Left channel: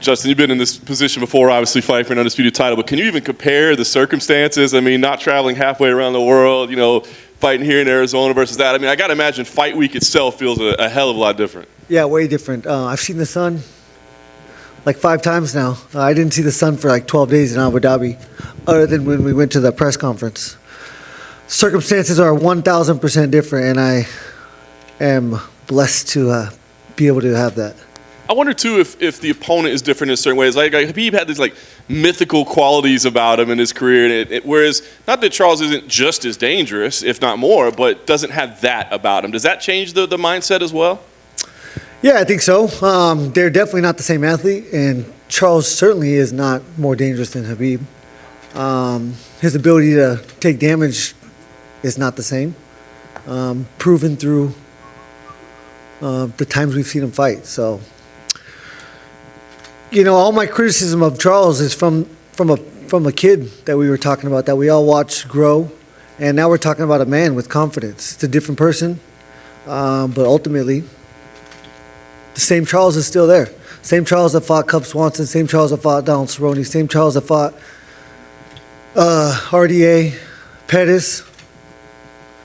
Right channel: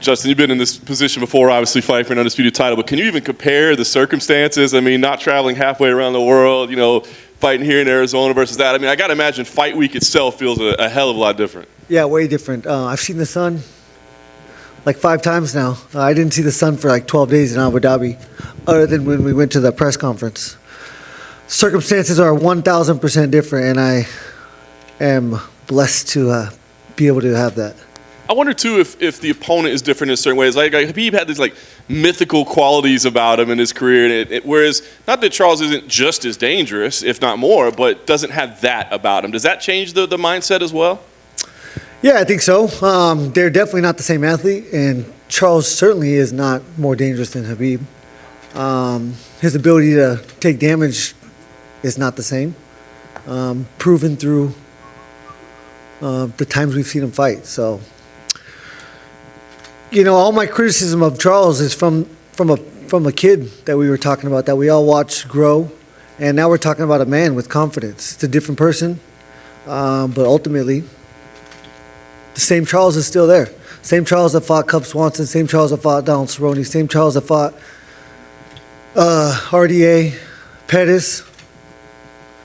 Justin, you've been in this position before, obviously fighting for an undisputed title, but can you even compare the circumstances? I mean, not traveling halfway around the world, you know, fighting here in Arizona versus that. I mean, I got to imagine fight week itself feels a hell of a lot different. Yeah, way different. I've seen the sun like 5 times now. I didn't see the sun for like 12 days in Abu Dhabi, other than when we went to the press conference. Circumstances are 1,000% different, and I am blessed to be able to have that. I wonder too if the opponent is different in certain ways. Like Khabib had these like mythical qualities about him in his career, and whereas not that Charles isn't just as dangerous, if not more, but doesn't have that about him. Does that change the mindset as well? Yeah, I think so. They're definitely not the same athlete, and Charles certainly is not more dangerous than Khabib. His ability to take damage is not the same, proven through the times we've seen him fight. So, you know, all my criticism of Charles is from a kid that we were talking about, that we all watched grow, and now we're talking about a man with confidence. It's a different person, but ultimately, the same Charles is still there. Same Charles that fought Cub Swanson, same Charles that fought Donald Cerrone, same Charles that fought RDA, Pettis.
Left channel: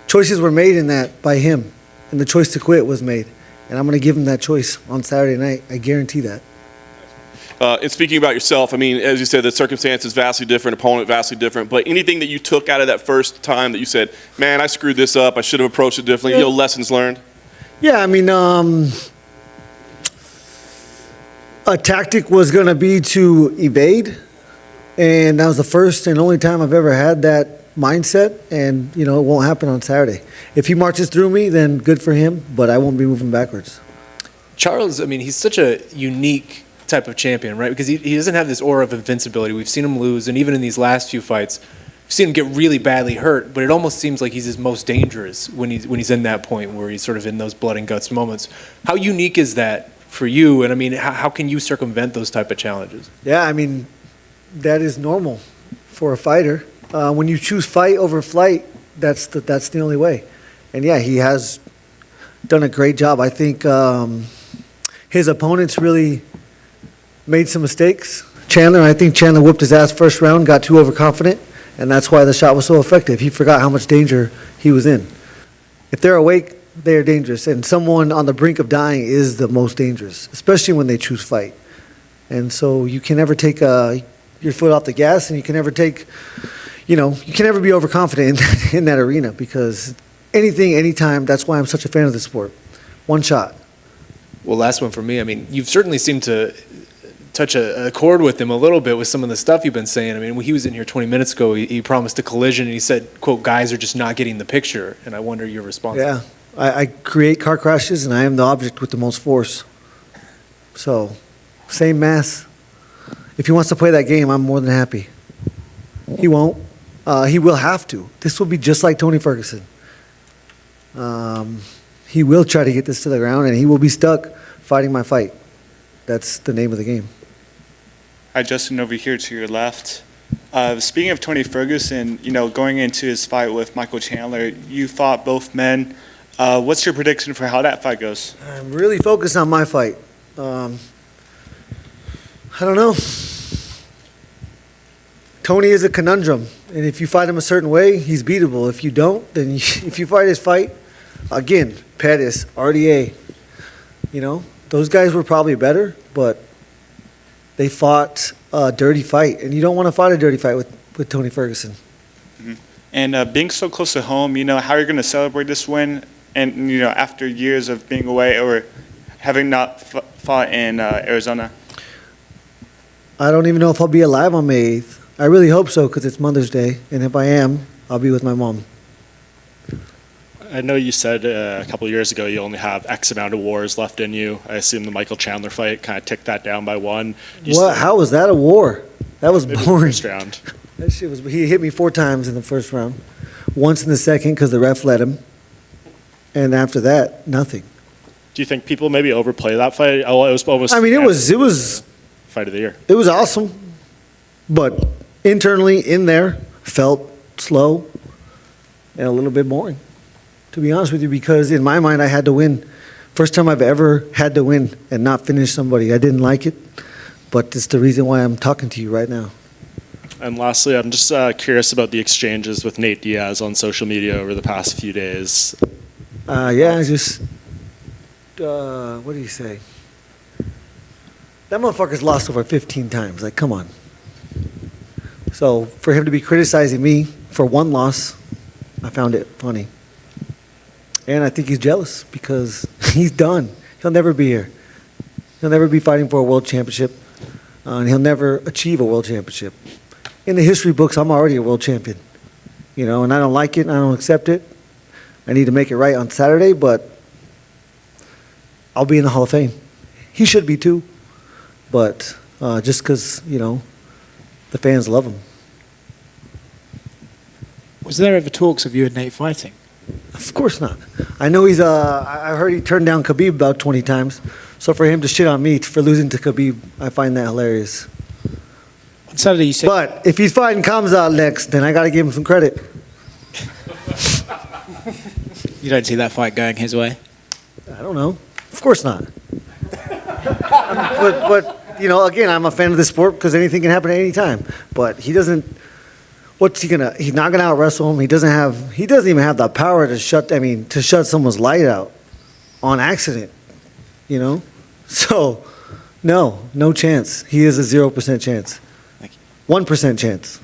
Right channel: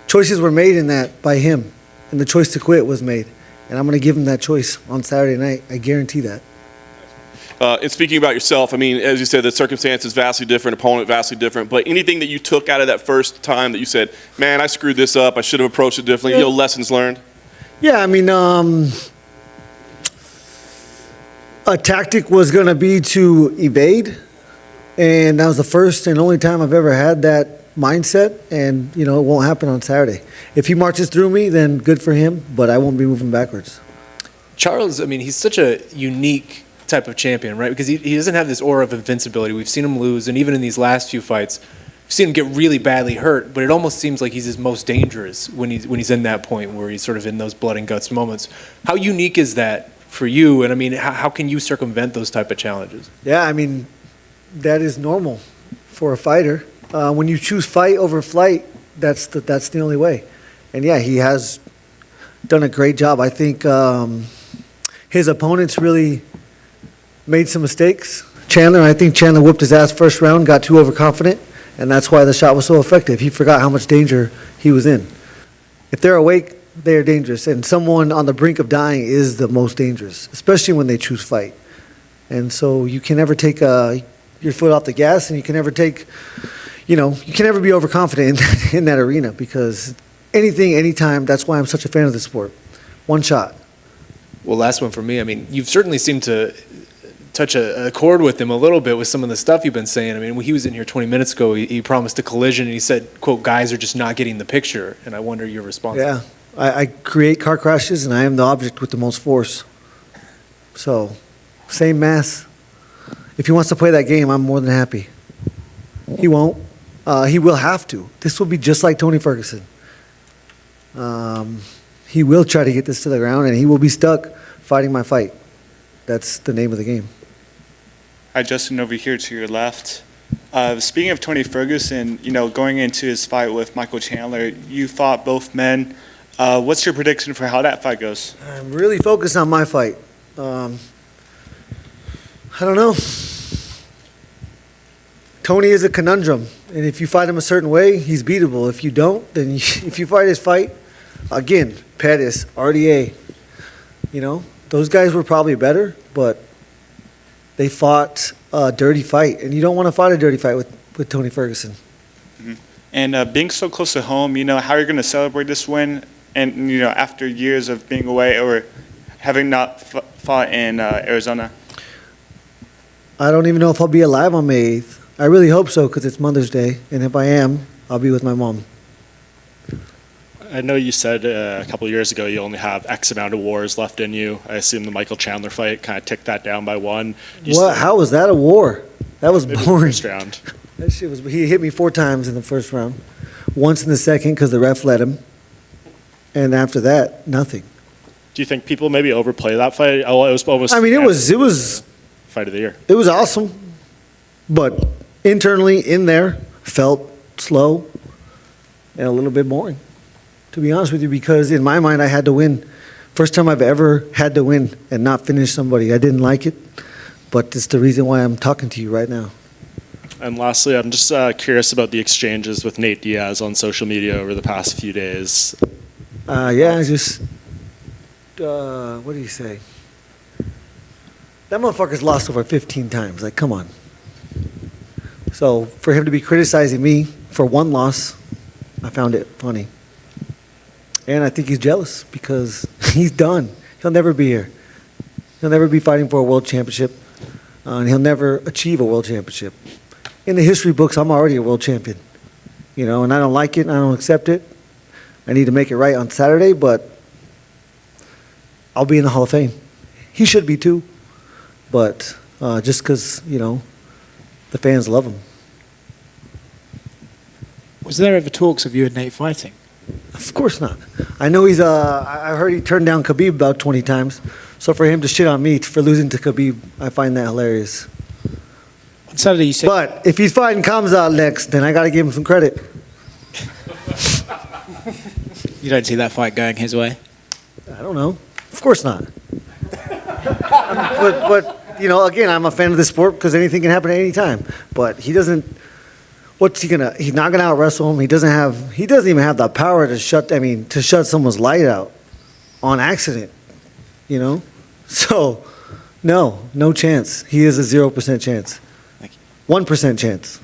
Choices were made in that by him, and the choice to quit was made. And I'm going to give him that choice on Saturday night. I guarantee that. And speaking about yourself, I mean, as you said, the circumstances vastly different, opponent vastly different. But anything that you took out of that first time that you said, man, I screwed this up, I should have approached it differently, you know, lessons learned? Yeah, I mean, a tactic was going to be to evade. And that was the first and only time I've ever had that mindset. And, you know, it won't happen on Saturday. If he marches through me, then good for him, but I won't be moving backwards. Charles, I mean, he's such a unique type of champion, right? Because he doesn't have this aura of invincibility. We've seen him lose, and even in these last few fights, we've seen him get really badly hurt, but it almost seems like he's his most dangerous when he's in that point where he's sort of in those blood and guts moments. How unique is that for you? And I mean, how can you circumvent those type of challenges? Yeah, I mean, that is normal for a fighter. When you choose fight over flight, that's the only way. And yeah, he has done a great job. I think his opponents really made some mistakes. I think Chandler whooped his ass first round, got too overconfident, and that's why the shot was so effective. He forgot how much danger he was in. If they're awake, they are dangerous, and someone on the brink of dying is the most dangerous, especially when they choose fight. And so you can never take your foot off the gas, and you can never take, you can never be overconfident in that arena, because anything, anytime, that's why I'm such a fan of the sport. One shot. Well, last one for me. I mean, you've certainly seemed to touch a chord with him a little bit with some of the stuff you've been saying. I mean, when he was in here 20 minutes ago, he promised a collision, and he said, quote, guys are just not getting the picture. And I wonder your response. Yeah, I create car crashes, and I am the object with the most force. So, same mass. If he wants to play that game, I'm more than happy. He won't. He will have to. This will be just like Tony Ferguson. He will try to get this to the ground, and he will be stuck fighting my fight. That's the name of the game. Hi, Justin, over here to your left. Speaking of Tony Ferguson, going into his fight with Michael Chandler, you fought both men. What's your prediction for how that fight goes? I'm really focused on my fight. I don't know. Tony is a conundrum, and if you fight him a certain way, he's beatable. If you don't, then if you fight his fight, again, Pettis, RDA, those guys were probably better, but they fought a dirty fight, and you don't want to fight a dirty fight with Tony Ferguson. Mm-hmm. And being so close to home, how are you going to celebrate this win? And, after years of being away or having not fought in Arizona? I don't even know if I'll be alive on May 8th. I really hope so, because it's Mother's Day, and if I am, I'll be with my mom. I know you said a couple of years ago you only have X amount of wars left in you. I assume the Michael Chandler fight kind of ticked that down by one. How was that a war? That was boring. First round. That shit was. He hit me 4 times in the first round, once in the second because the ref let him, and after that, nothing. Do you think people maybe overplay that fight? Oh, it was almost. I mean, it was fight of the year. It was awesome, but internally in there felt slow and a little bit boring, to be honest with you, because in my mind I had to win. First time I've ever had to win and not finish somebody. I didn't like it, but it's the reason why I'm talking to you right now. And lastly, I'm just curious about the exchanges with Nate Diaz on social media over the past few days. Yeah, I just, what do you say? That motherfucker's lost over 15 times. Like, come on. So for him to be criticizing me for one loss, I found it funny. And I think he's jealous because he's done. He'll never be here. He'll never be fighting for a world championship. And he'll never achieve a world championship. In the history books, I'm already a world champion. You know, and I don't like it and I don't accept it. I need to make it right on Saturday, but I'll be in the Hall of Fame. He should be too. But just because, you know, the fans love him. Was there ever talks of you and Nate fighting? Of course not. I know he's, I heard he turned down Khabib about 20 times. So for him to shit on me for losing to Khabib, I find that hilarious. On Saturday you said... But if he's fighting Khamzat next, then I got to give him some credit. You don't see that fight going his way? I don't know. Of course not. But you know, again, I'm a fan of the sport because anything can happen at any time. But he doesn't. What's he gonna? He's not gonna out wrestle him. He doesn't even have the power to shut. I mean, to shut someone's light out on accident. You know, so no chance. He is a 0% chance. 1% chance.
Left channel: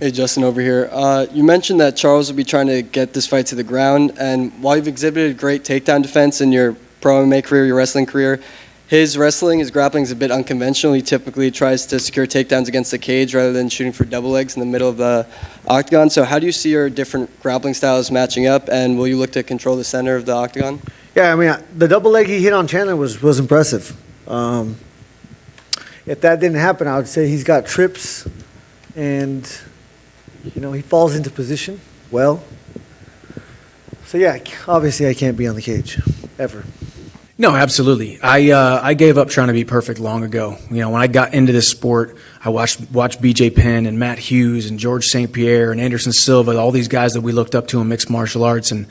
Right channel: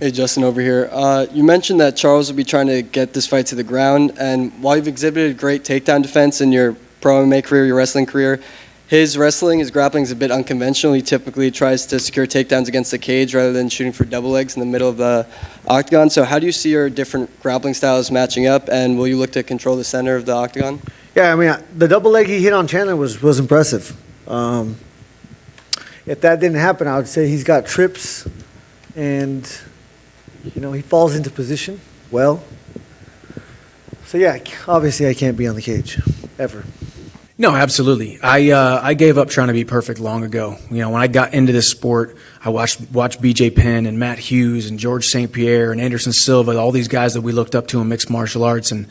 Hey, Justin over here. You mentioned that Charles will be trying to get this fight to the ground, and while you've exhibited great takedown defense in your pro MMA career, your wrestling career, his grappling is a bit unconventional. He typically tries to secure takedowns against the cage rather than shooting for double legs in the middle of the octagon. So how do you see your different grappling styles matching up, and will you look to control the center of the octagon? Yeah, I mean, the double leg he hit on Chandler was impressive. If that didn't happen, I would say he's got trips and, you know, he falls into position well. So, yeah, obviously I can't be on the cage, ever. No, absolutely. I gave up trying to be perfect long ago. You know, when I got into this sport, I watched BJ Penn and Matt Hughes and George St. Pierre and Anderson Silva, all these guys that we looked up to in mixed martial arts, and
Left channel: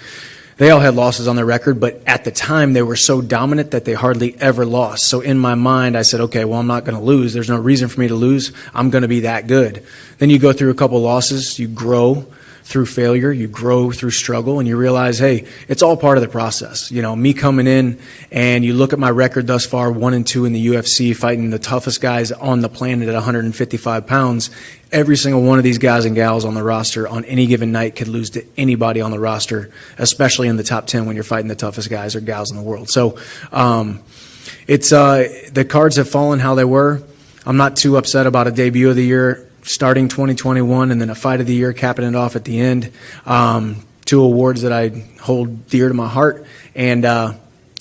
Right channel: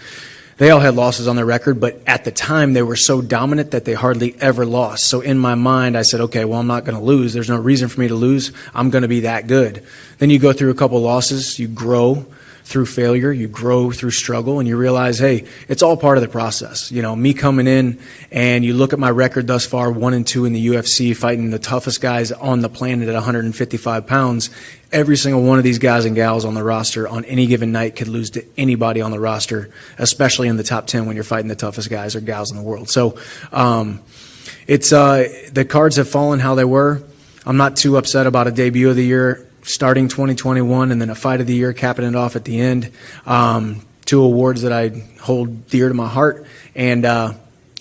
they all had losses on their record, but at the time they were so dominant that they hardly ever lost. So in my mind, I said, okay, well, I'm not going to lose. There's no reason for me to lose. I'm going to be that good. Then you go through a couple losses, you grow through failure, you grow through struggle, and you realize, hey, it's all part of the process. You know, me coming in and you look at my record thus far, 1-2 in the UFC, fighting the toughest guys on the planet at 155 pounds. Every single one of these guys and gals on the roster on any given night could lose to anybody on the roster, especially in the top 10 when you're fighting the toughest guys or gals in the world. So it's the cards have fallen how they were. I'm not too upset about a debut of the year starting 2021 and then a fight of the year capping it off at the end. Two awards that I hold dear to my heart, and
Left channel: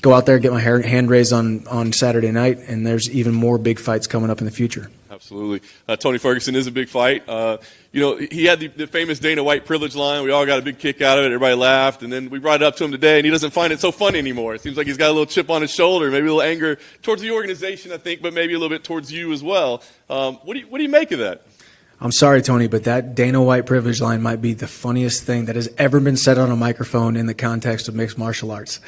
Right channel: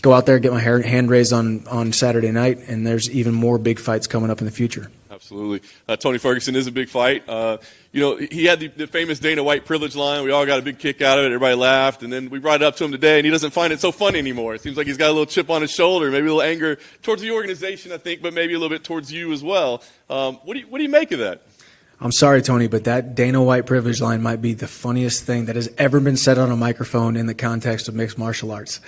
go out there, get my hand raised on Saturday night, and there's even more big fights coming up in the future. Absolutely. Tony Ferguson is a big fight. You know, he had the famous Dana White privilege line. We all got a big kick out of it. Everybody laughed. And then we brought it up to him today, and he doesn't find it so funny anymore. It seems like he's got a little chip on his shoulder, maybe a little anger towards the organization, I think, but maybe a little bit towards you as well. What do you make of that? I'm sorry, Tony, but that Dana White privilege line might be the funniest thing that has ever been said on a microphone in the context of mixed martial arts.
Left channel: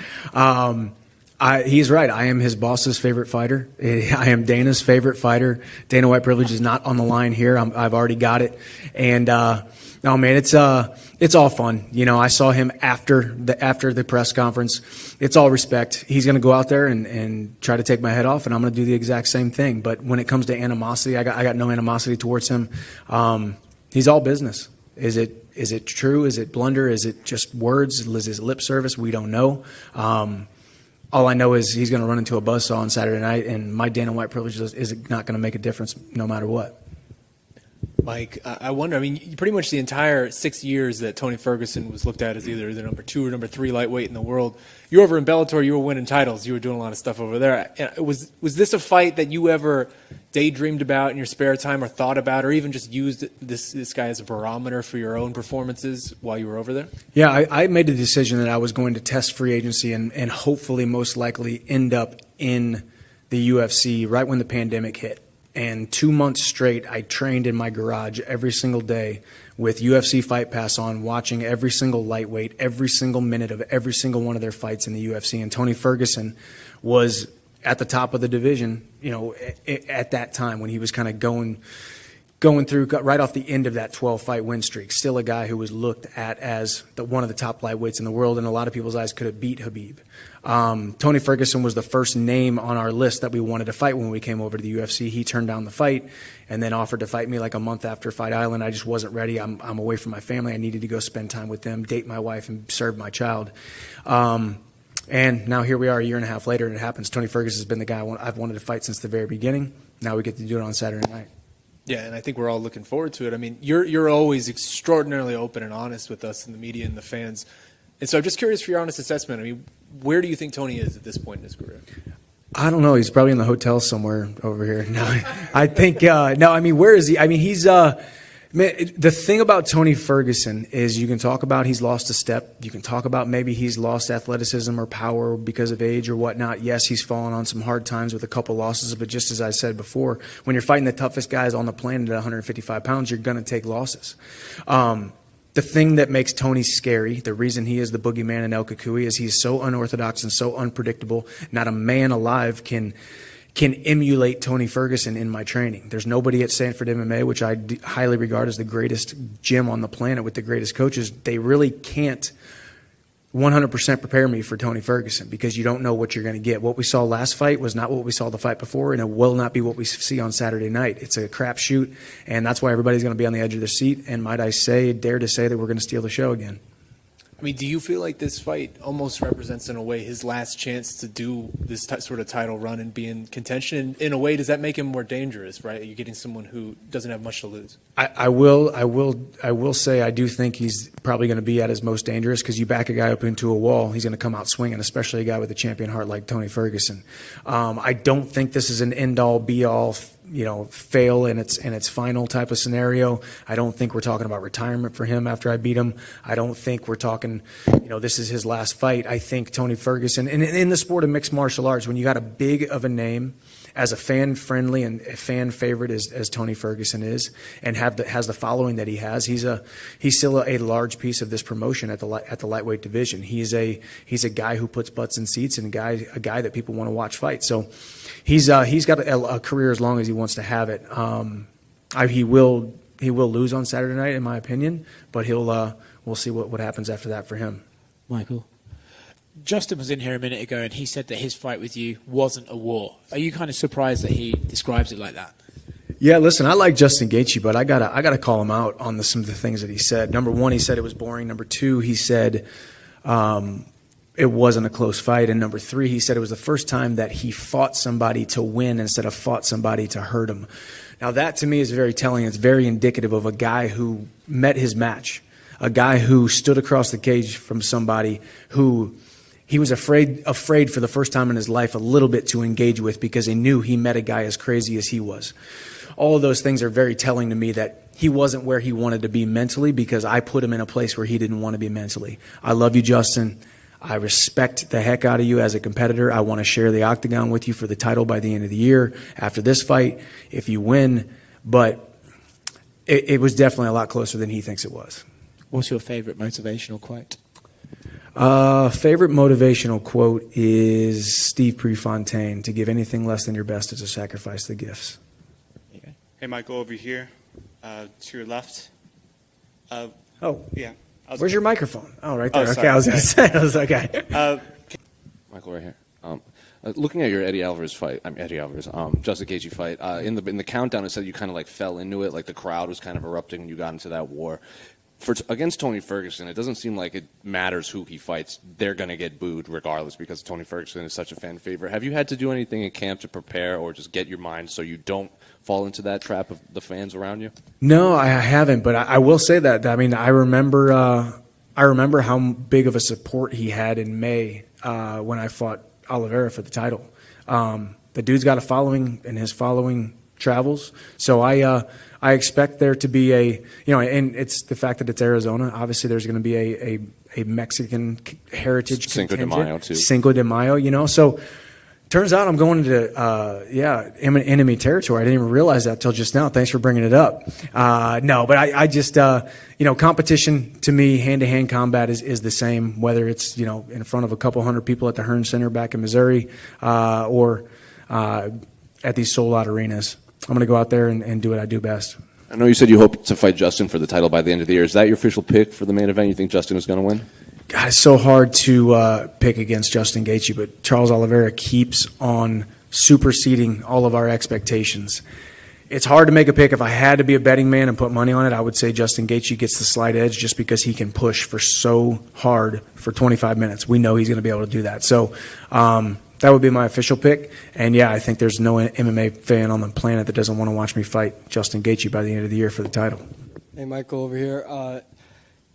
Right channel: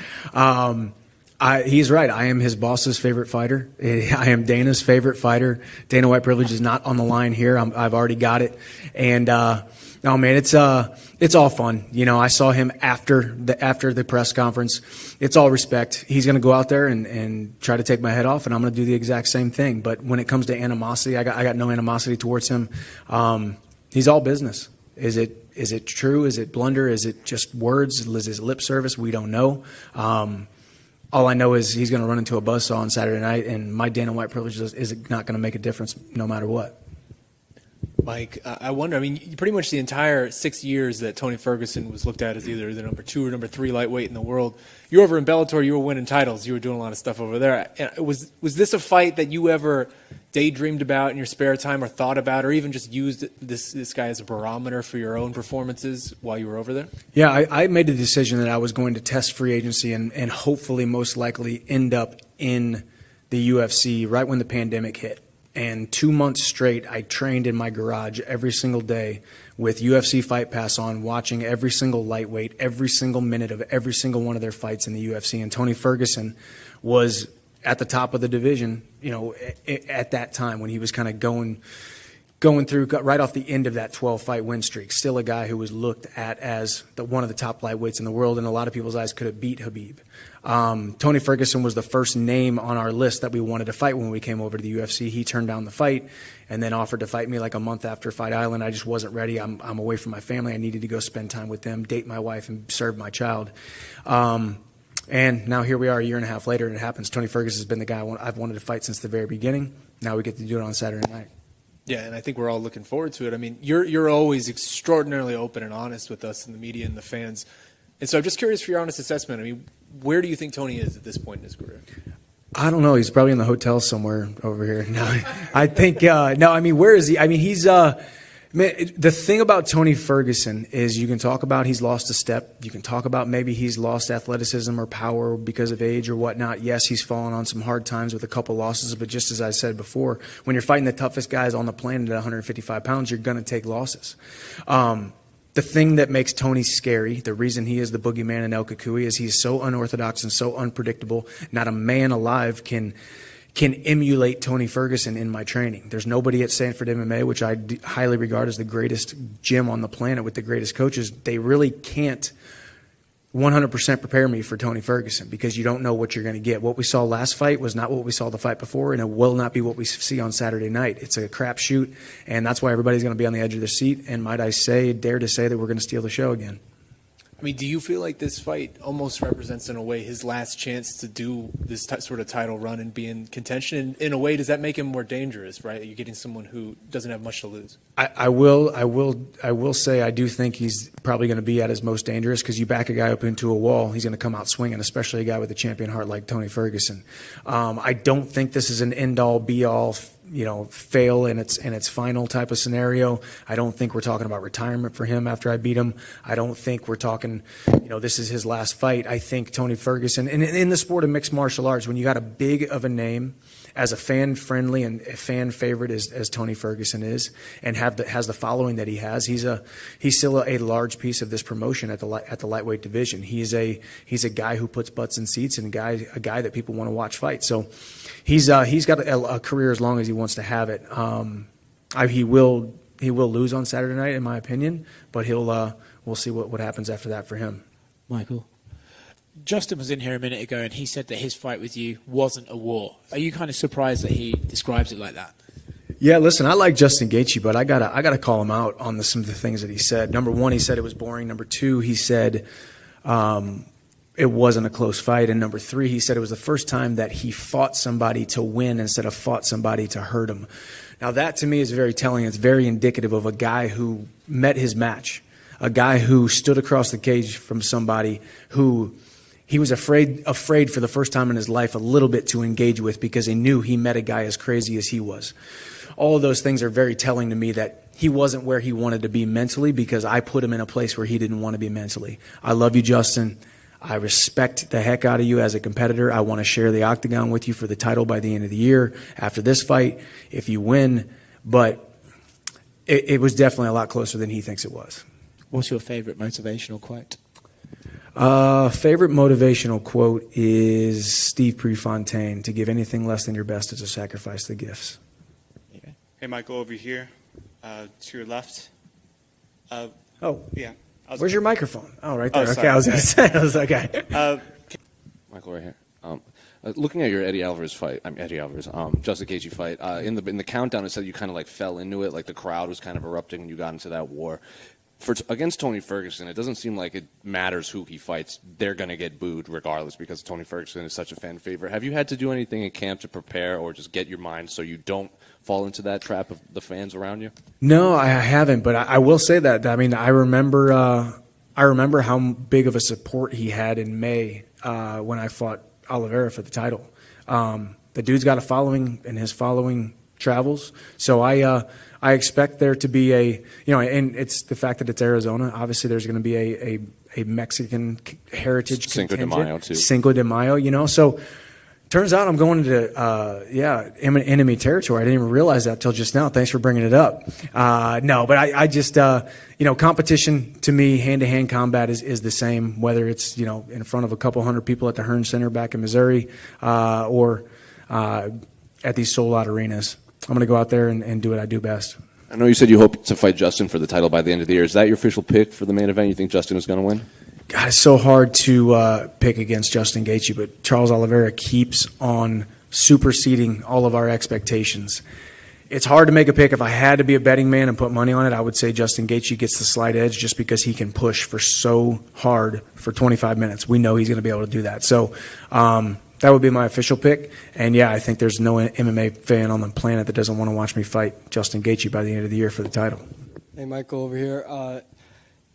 He's right. I am his boss's favorite fighter. I am Dana's favorite fighter. Dana White privilege is not on the line here. I've already got it. And no, man, it's all fun. You know, I saw him after the press conference. It's all respect. He's going to go out there and try to take my head off, and I'm going to do the exact same thing. But when it comes to animosity, I got no animosity towards him. He's all business. Is it true? Is it blunder? Is it just words? Is it lip service? We don't know. All I know is he's going to run into a buzzsaw on Saturday night, and my Dana White privilege is not going to make a difference no matter what. Mike, I wonder, I mean, pretty much the entire 6 years that Tony Ferguson was looked at as either the number 2 or number 3 lightweight in the world, you were over in Bellator, you were winning titles, you were doing a lot of stuff over there. Was this a fight that you ever daydreamed about in your spare time or thought about or even just used this guy as a barometer for your own performances while you were over there? Yeah, I made the decision that I was going to test free agency and hopefully most likely end up in the UFC right when the pandemic hit. And 2 months straight, I trained in my garage every single day with UFC Fight Pass on, watching every single lightweight, every single minute of every single one of their fights in the UFC. And Tony Ferguson was at the top of the division, at that time when he was kind of going through right off the end of that 12-fight win streak. Still a guy who was looked at as one of the top lightweights in the world, and a lot of people's eyes could have beat Khabib. Tony Ferguson was the first name on our list that we wanted to fight when we came over to the UFC. He turned down the fight and then offered to fight me like a month after Fight Island. I just wasn't ready. I'm away from my family. I needed to go spend time with them, date my wife, and serve my child. And now here we are a year and a half later, and it happens. Tony Ferguson has been the guy I've wanted to fight since the very beginning. Now we get to do it on Saturday night. Yeah, and I think we're all looking forward to it. I mean, you're always extraordinarily open and honest with us and the media and the fans. And so I'm just curious for your honest assessment. I mean, where do you think Tony is at this point in his career? I don't know. He's probably in the hotel somewhere over here. No, I think, no, I mean, where is he? I mean, he's, the thing about Tony Ferguson is you can talk about he's lost a step. You can talk about maybe he's lost athleticism or power because of age or whatnot. Yes, he's fallen on some hard times with a couple losses, but just as I said before, when you're fighting the toughest guys on the planet at 155 pounds, you're going to take losses. The thing that makes Tony scary, the reason he is the boogeyman in El Kukui, is he's so unorthodox and so unpredictable. Not a man alive can emulate Tony Ferguson in my training. There's nobody at Sanford MMA, which I highly regard as the greatest gym on the planet with the greatest coaches. They really can't 100% prepare me for Tony Ferguson because you don't know what you're going to get. What we saw last fight was not what we saw the fight before, and it will not be what we see on Saturday night. It's a crapshoot, and that's why everybody's going to be on the edge of their seat. And might I dare to say that we're going to steal the show again. I mean, do you feel like this fight almost represents, in a way, his last chance to do this sort of title run and be in contention? In a way, does that make him more dangerous, right? You're getting someone who doesn't have much to lose. I will say I do think he's probably going to be at his most dangerous because you back a guy up into a wall, he's going to come out swinging, especially a guy with a champion heart like Tony Ferguson. I don't think this is an end-all, be-all, fail in its final type of scenario. I don't think we're talking about retirement for him after I beat him. I don't think we're talking, this is his last fight. I think Tony Ferguson, and in the sport of mixed martial arts, when you got a big of a name as a fan-friendly and a fan favorite as Tony Ferguson is, and has the following that he has, he's still a large piece of this promotion at the lightweight division. He's a guy who puts butts in seats and a guy that people want to watch fight. So he's got a career as long as he wants to have it. He will lose on Saturday night, in my opinion, but we'll see what happens after that for him. Michael? Justin was in here a minute ago and he said that his fight with you wasn't a war. Are you kind of surprised that he describes it like that? Yeah, listen, I like Justin Gaethje, but I gotta call him out on some of the things that he said. Number one, he said it was boring. Number two, he said it wasn't a close fight. And number three, he said it was the first time that he fought somebody to win instead of fought somebody to hurt him. Now that to me is very telling. It's very indicative of a guy who met his match, a guy who stood across the cage from somebody who he was afraid for the first time in his life a little bit to engage with because he knew he met a guy as crazy as he was. All of those things are very telling to me that he wasn't where he wanted to be mentally because I put him in a place where he didn't want to be mentally. I love you, Justin. I respect the heck out of you as a competitor. I want to share the octagon with you for the title by the end of the year after this fight, if you win. But it was definitely a lot closer than he thinks it was. What's your favorite motivational quote? Favorite motivational quote is Steve Prefontaine: to give anything less than your best is to sacrifice the gifts. Hey, Michael, over here, to your left. Yeah. Where's your microphone? Oh, right there. Okay, I was going to say. I was okay. Michael, right here. Looking at your Justin Gaethje fight, in the countdown, it said you kind of like fell into it, like the crowd was kind of erupting, and you got into that war. Against Tony Ferguson, it doesn't seem like it matters who he fights. They're going to get booed regardless because Tony Ferguson is such a fan favorite. Have you had to do anything in camp to prepare or just get your mind so you don't fall into that trap of the fans around you? No, I haven't, but I will say that. I mean, I remember how big of a support he had in May when I fought Oliveira for the title. The dude's got a following, and his following travels. So I expect there to be and it's the fact that it's Arizona. Obviously, there's going to be a Mexican heritage Cinco de Mayo too. Cinco de Mayo, so. Turns out I'm going into enemy territory. I didn't even realize that till just now. Thanks for bringing it up. No, but I just competition to me, hand-to-hand combat is the same, whether it's in front of a couple hundred people at the Hearn Center back in Missouri, or at these sold-out arenas. I'm going to go out there and do what I do best. I know you said you hope to fight Justin for the title by the end of the year. Is that your official pick for the main event? You think Justin is going to win? God, it's so hard to pick against Justin Gaethje, but Charles Oliveira keeps on superseding all of our expectations. It's hard to make a pick. If I had to be a betting man and put money on it, I would say Justin Gaethje gets the slight edge just because he can push for so hard for 25 minutes. We know he's going to be able to do that. So that would be my official pick. And, yeah, I think there's no MMA fan on the planet that doesn't want to watch me fight Justin Gaethje by the end of the year for the title. Hey, Michael, over here.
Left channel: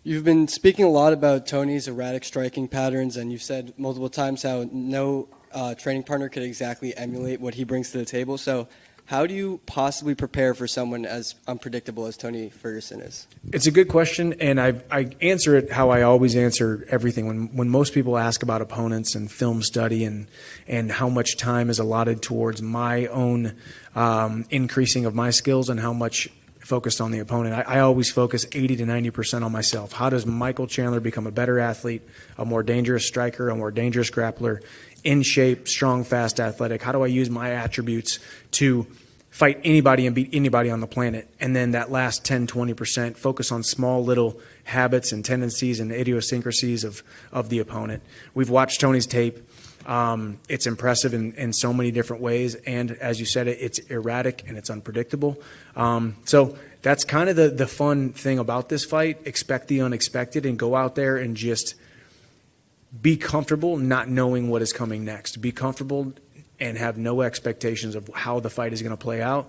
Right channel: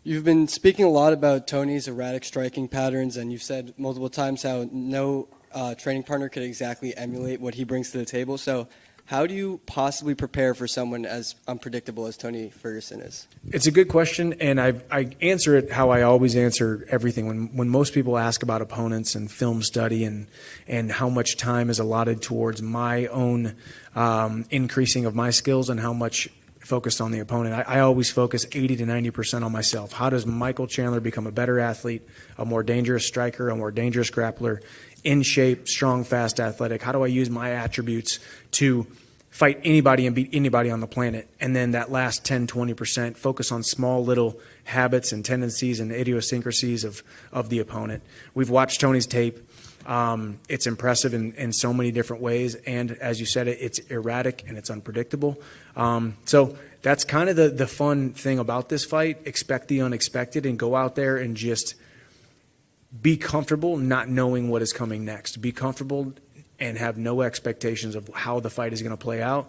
You've been speaking a lot about Tony's erratic striking patterns, and you've said multiple times how no training partner could exactly emulate what he brings to the table. So how do you possibly prepare for someone as unpredictable as Tony Ferguson is? It's a good question, and I answer it how I always answer everything. When most people ask about opponents and film study and how much time is allotted towards my own increasing of my skills and how much focused on the opponent, I always focus 80 to 90% on myself. How does Michael Chandler become a better athlete, a more dangerous striker, a more dangerous grappler, in shape, strong, fast, athletic? How do I use my attributes to fight anybody and beat anybody on the planet? And then that last 10, 20%, focus on small little habits and tendencies and idiosyncrasies of the opponent. We've watched Tony's tape. It's impressive in so many different ways. And as you said, it's erratic and it's unpredictable. So that's kind of the fun thing about this fight. Expect the unexpected and go out there and just be comfortable not knowing what is coming next. Be comfortable and have no expectations of how the fight is going to play out.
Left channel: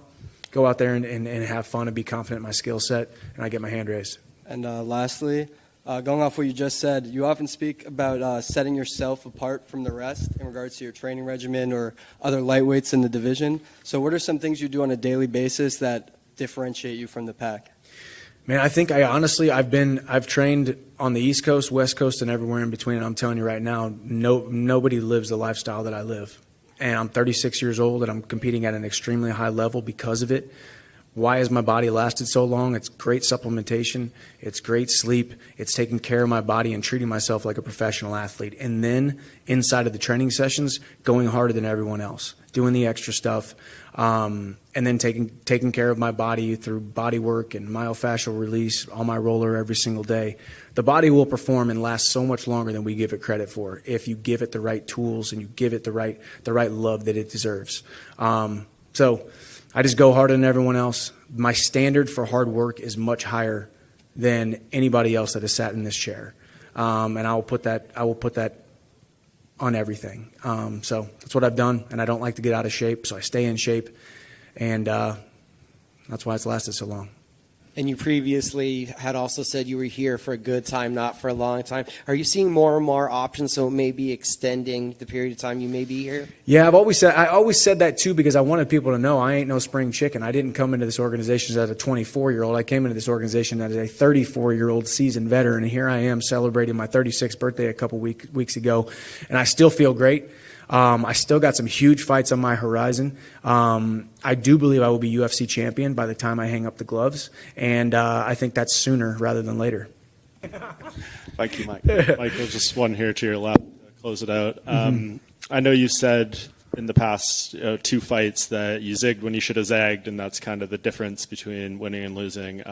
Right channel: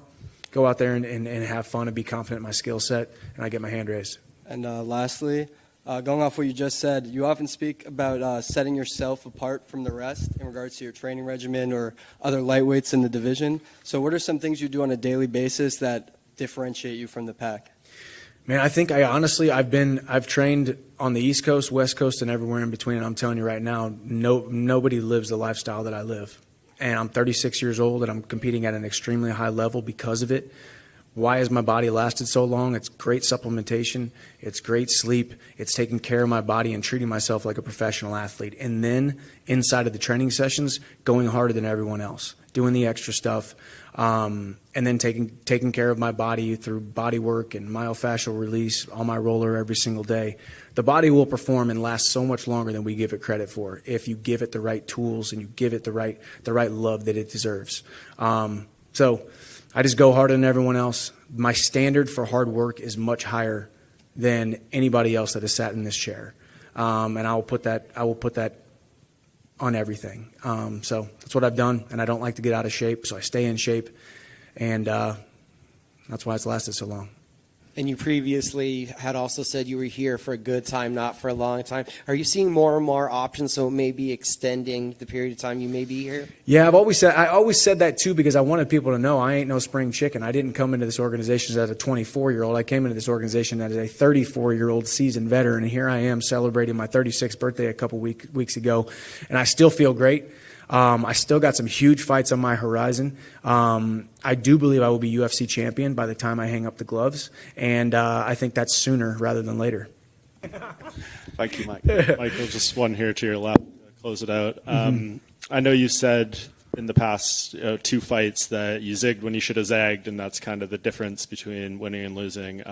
Go out there and have fun and be confident in my skill set, and I get my hand raised. And lastly, going off what you just said, you often speak about setting yourself apart from the rest in regards to your training regimen or other lightweights in the division. So what are some things you do on a daily basis that differentiate you from the pack? Man, I think I've trained on the East Coast, West Coast, and everywhere in between. And I'm telling you right now, nobody lives the lifestyle that I live. And I'm 36 years old, and I'm competing at an extremely high level because of it. Why has my body lasted so long? It's great supplementation. It's great sleep. It's taking care of my body and treating myself like a professional athlete. And then inside of the training sessions, going harder than everyone else, doing the extra stuff, and then taking care of my body through body work and myofascial release on my roller every single day. The body will perform and last so much longer than we give it credit for if you give it the right tools and you give it the right love that it deserves. So I just go harder than everyone else. My standard for hard work is much higher than anybody else that has sat in this chair, and I will put that on everything. So that's what I've done, and I don't like to get out of shape, so I stay in shape, and that's why it's lasted so long. And you previously had also said you were here for a good time, not for a long time. Are you seeing more and more options, so maybe extending the period of time you may be here? Yeah, I always said that too because I wanted people to know I ain't no spring chicken. I didn't come into this organization as a 24-year-old. I came into this organization as a 34-year-old seasoned veteran, and here I am celebrating my 36th birthday a couple weeks ago, and I still feel great. I still got some huge fights on my horizon. I do believe I will be UFC champion by the time I hang up the gloves, and I think that's sooner rather than later. Thank you, Michael. Michael, just one here to your left to close it out. I know you said in the past 2 fights that you zigged when you should have zagged, and that's kind of the difference between winning and losing.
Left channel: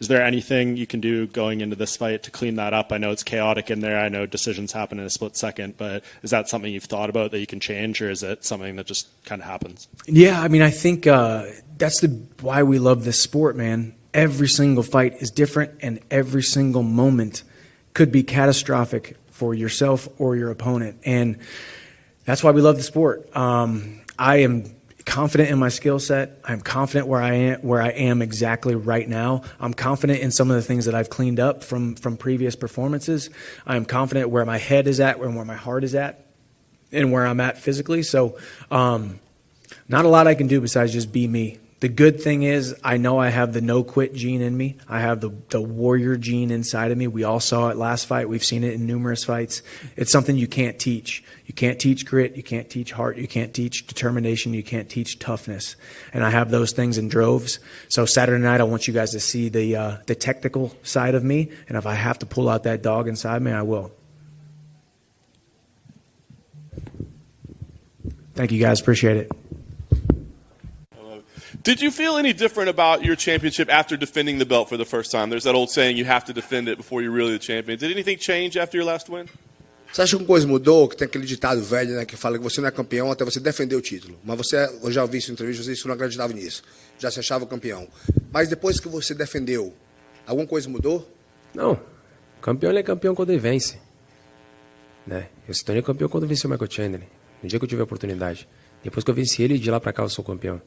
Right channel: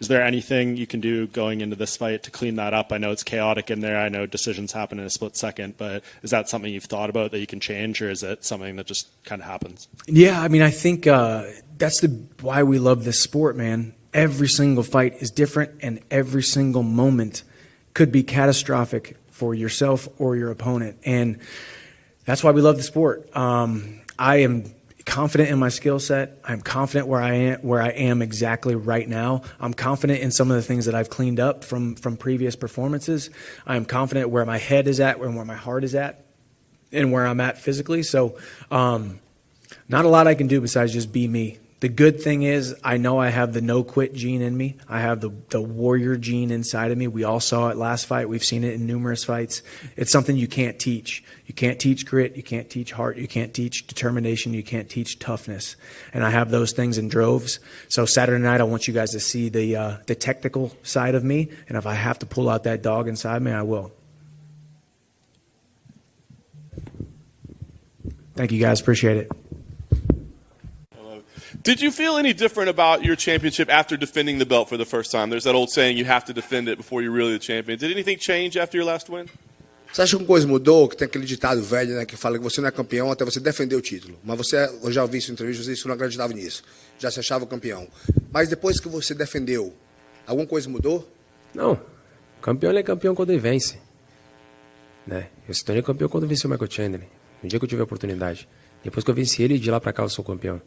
Is there anything you can do going into this fight to clean that up? I know it's chaotic in there. I know decisions happen in a split second, but is that something you've thought about that you can change, or is it something that just kind of happens? Yeah, I mean, I think that's why we love this sport, man. Every single fight is different, and every single moment could be catastrophic for yourself or your opponent, and that's why we love the sport. I am confident in my skill set. I'm confident where I am exactly right now. I'm confident in some of the things that I've cleaned up from previous performances. I'm confident where my head is at and where my heart is at and where I'm at physically. So not a lot I can do besides just be me. The good thing is I know I have the no-quit gene in me. I have the warrior gene inside of me. We all saw it last fight. We've seen it in numerous fights. It's something you can't teach. You can't teach grit. You can't teach heart. You can't teach determination. You can't teach toughness. And I have those things in droves. So Saturday night, I want you guys to see the technical side of me. And if I have to pull out that dog inside me, I will. Thank you, guys. Appreciate it. Did you feel any different about your championship after defending the belt for the first time? There's that old saying, you have to defend it before you're really the champion. Did anything change after your last win? Você acha que alguma coisa mudou? Que tem aquele ditado velho, né, que fala que você não é campeão até você defender o título. Mas você, eu já ouvi isso em entrevista, você não acreditava nisso. Já se achava campeão. Mas depois que você defendeu, alguma coisa mudou? Não. Campeão ele é campeão quando ele vence. Né? Eu se tornei campeão quando eu venci o Michael Chandler. No dia que eu tive a oportunidade. Depois que eu venci ele, de lá pra cá eu sou campeão.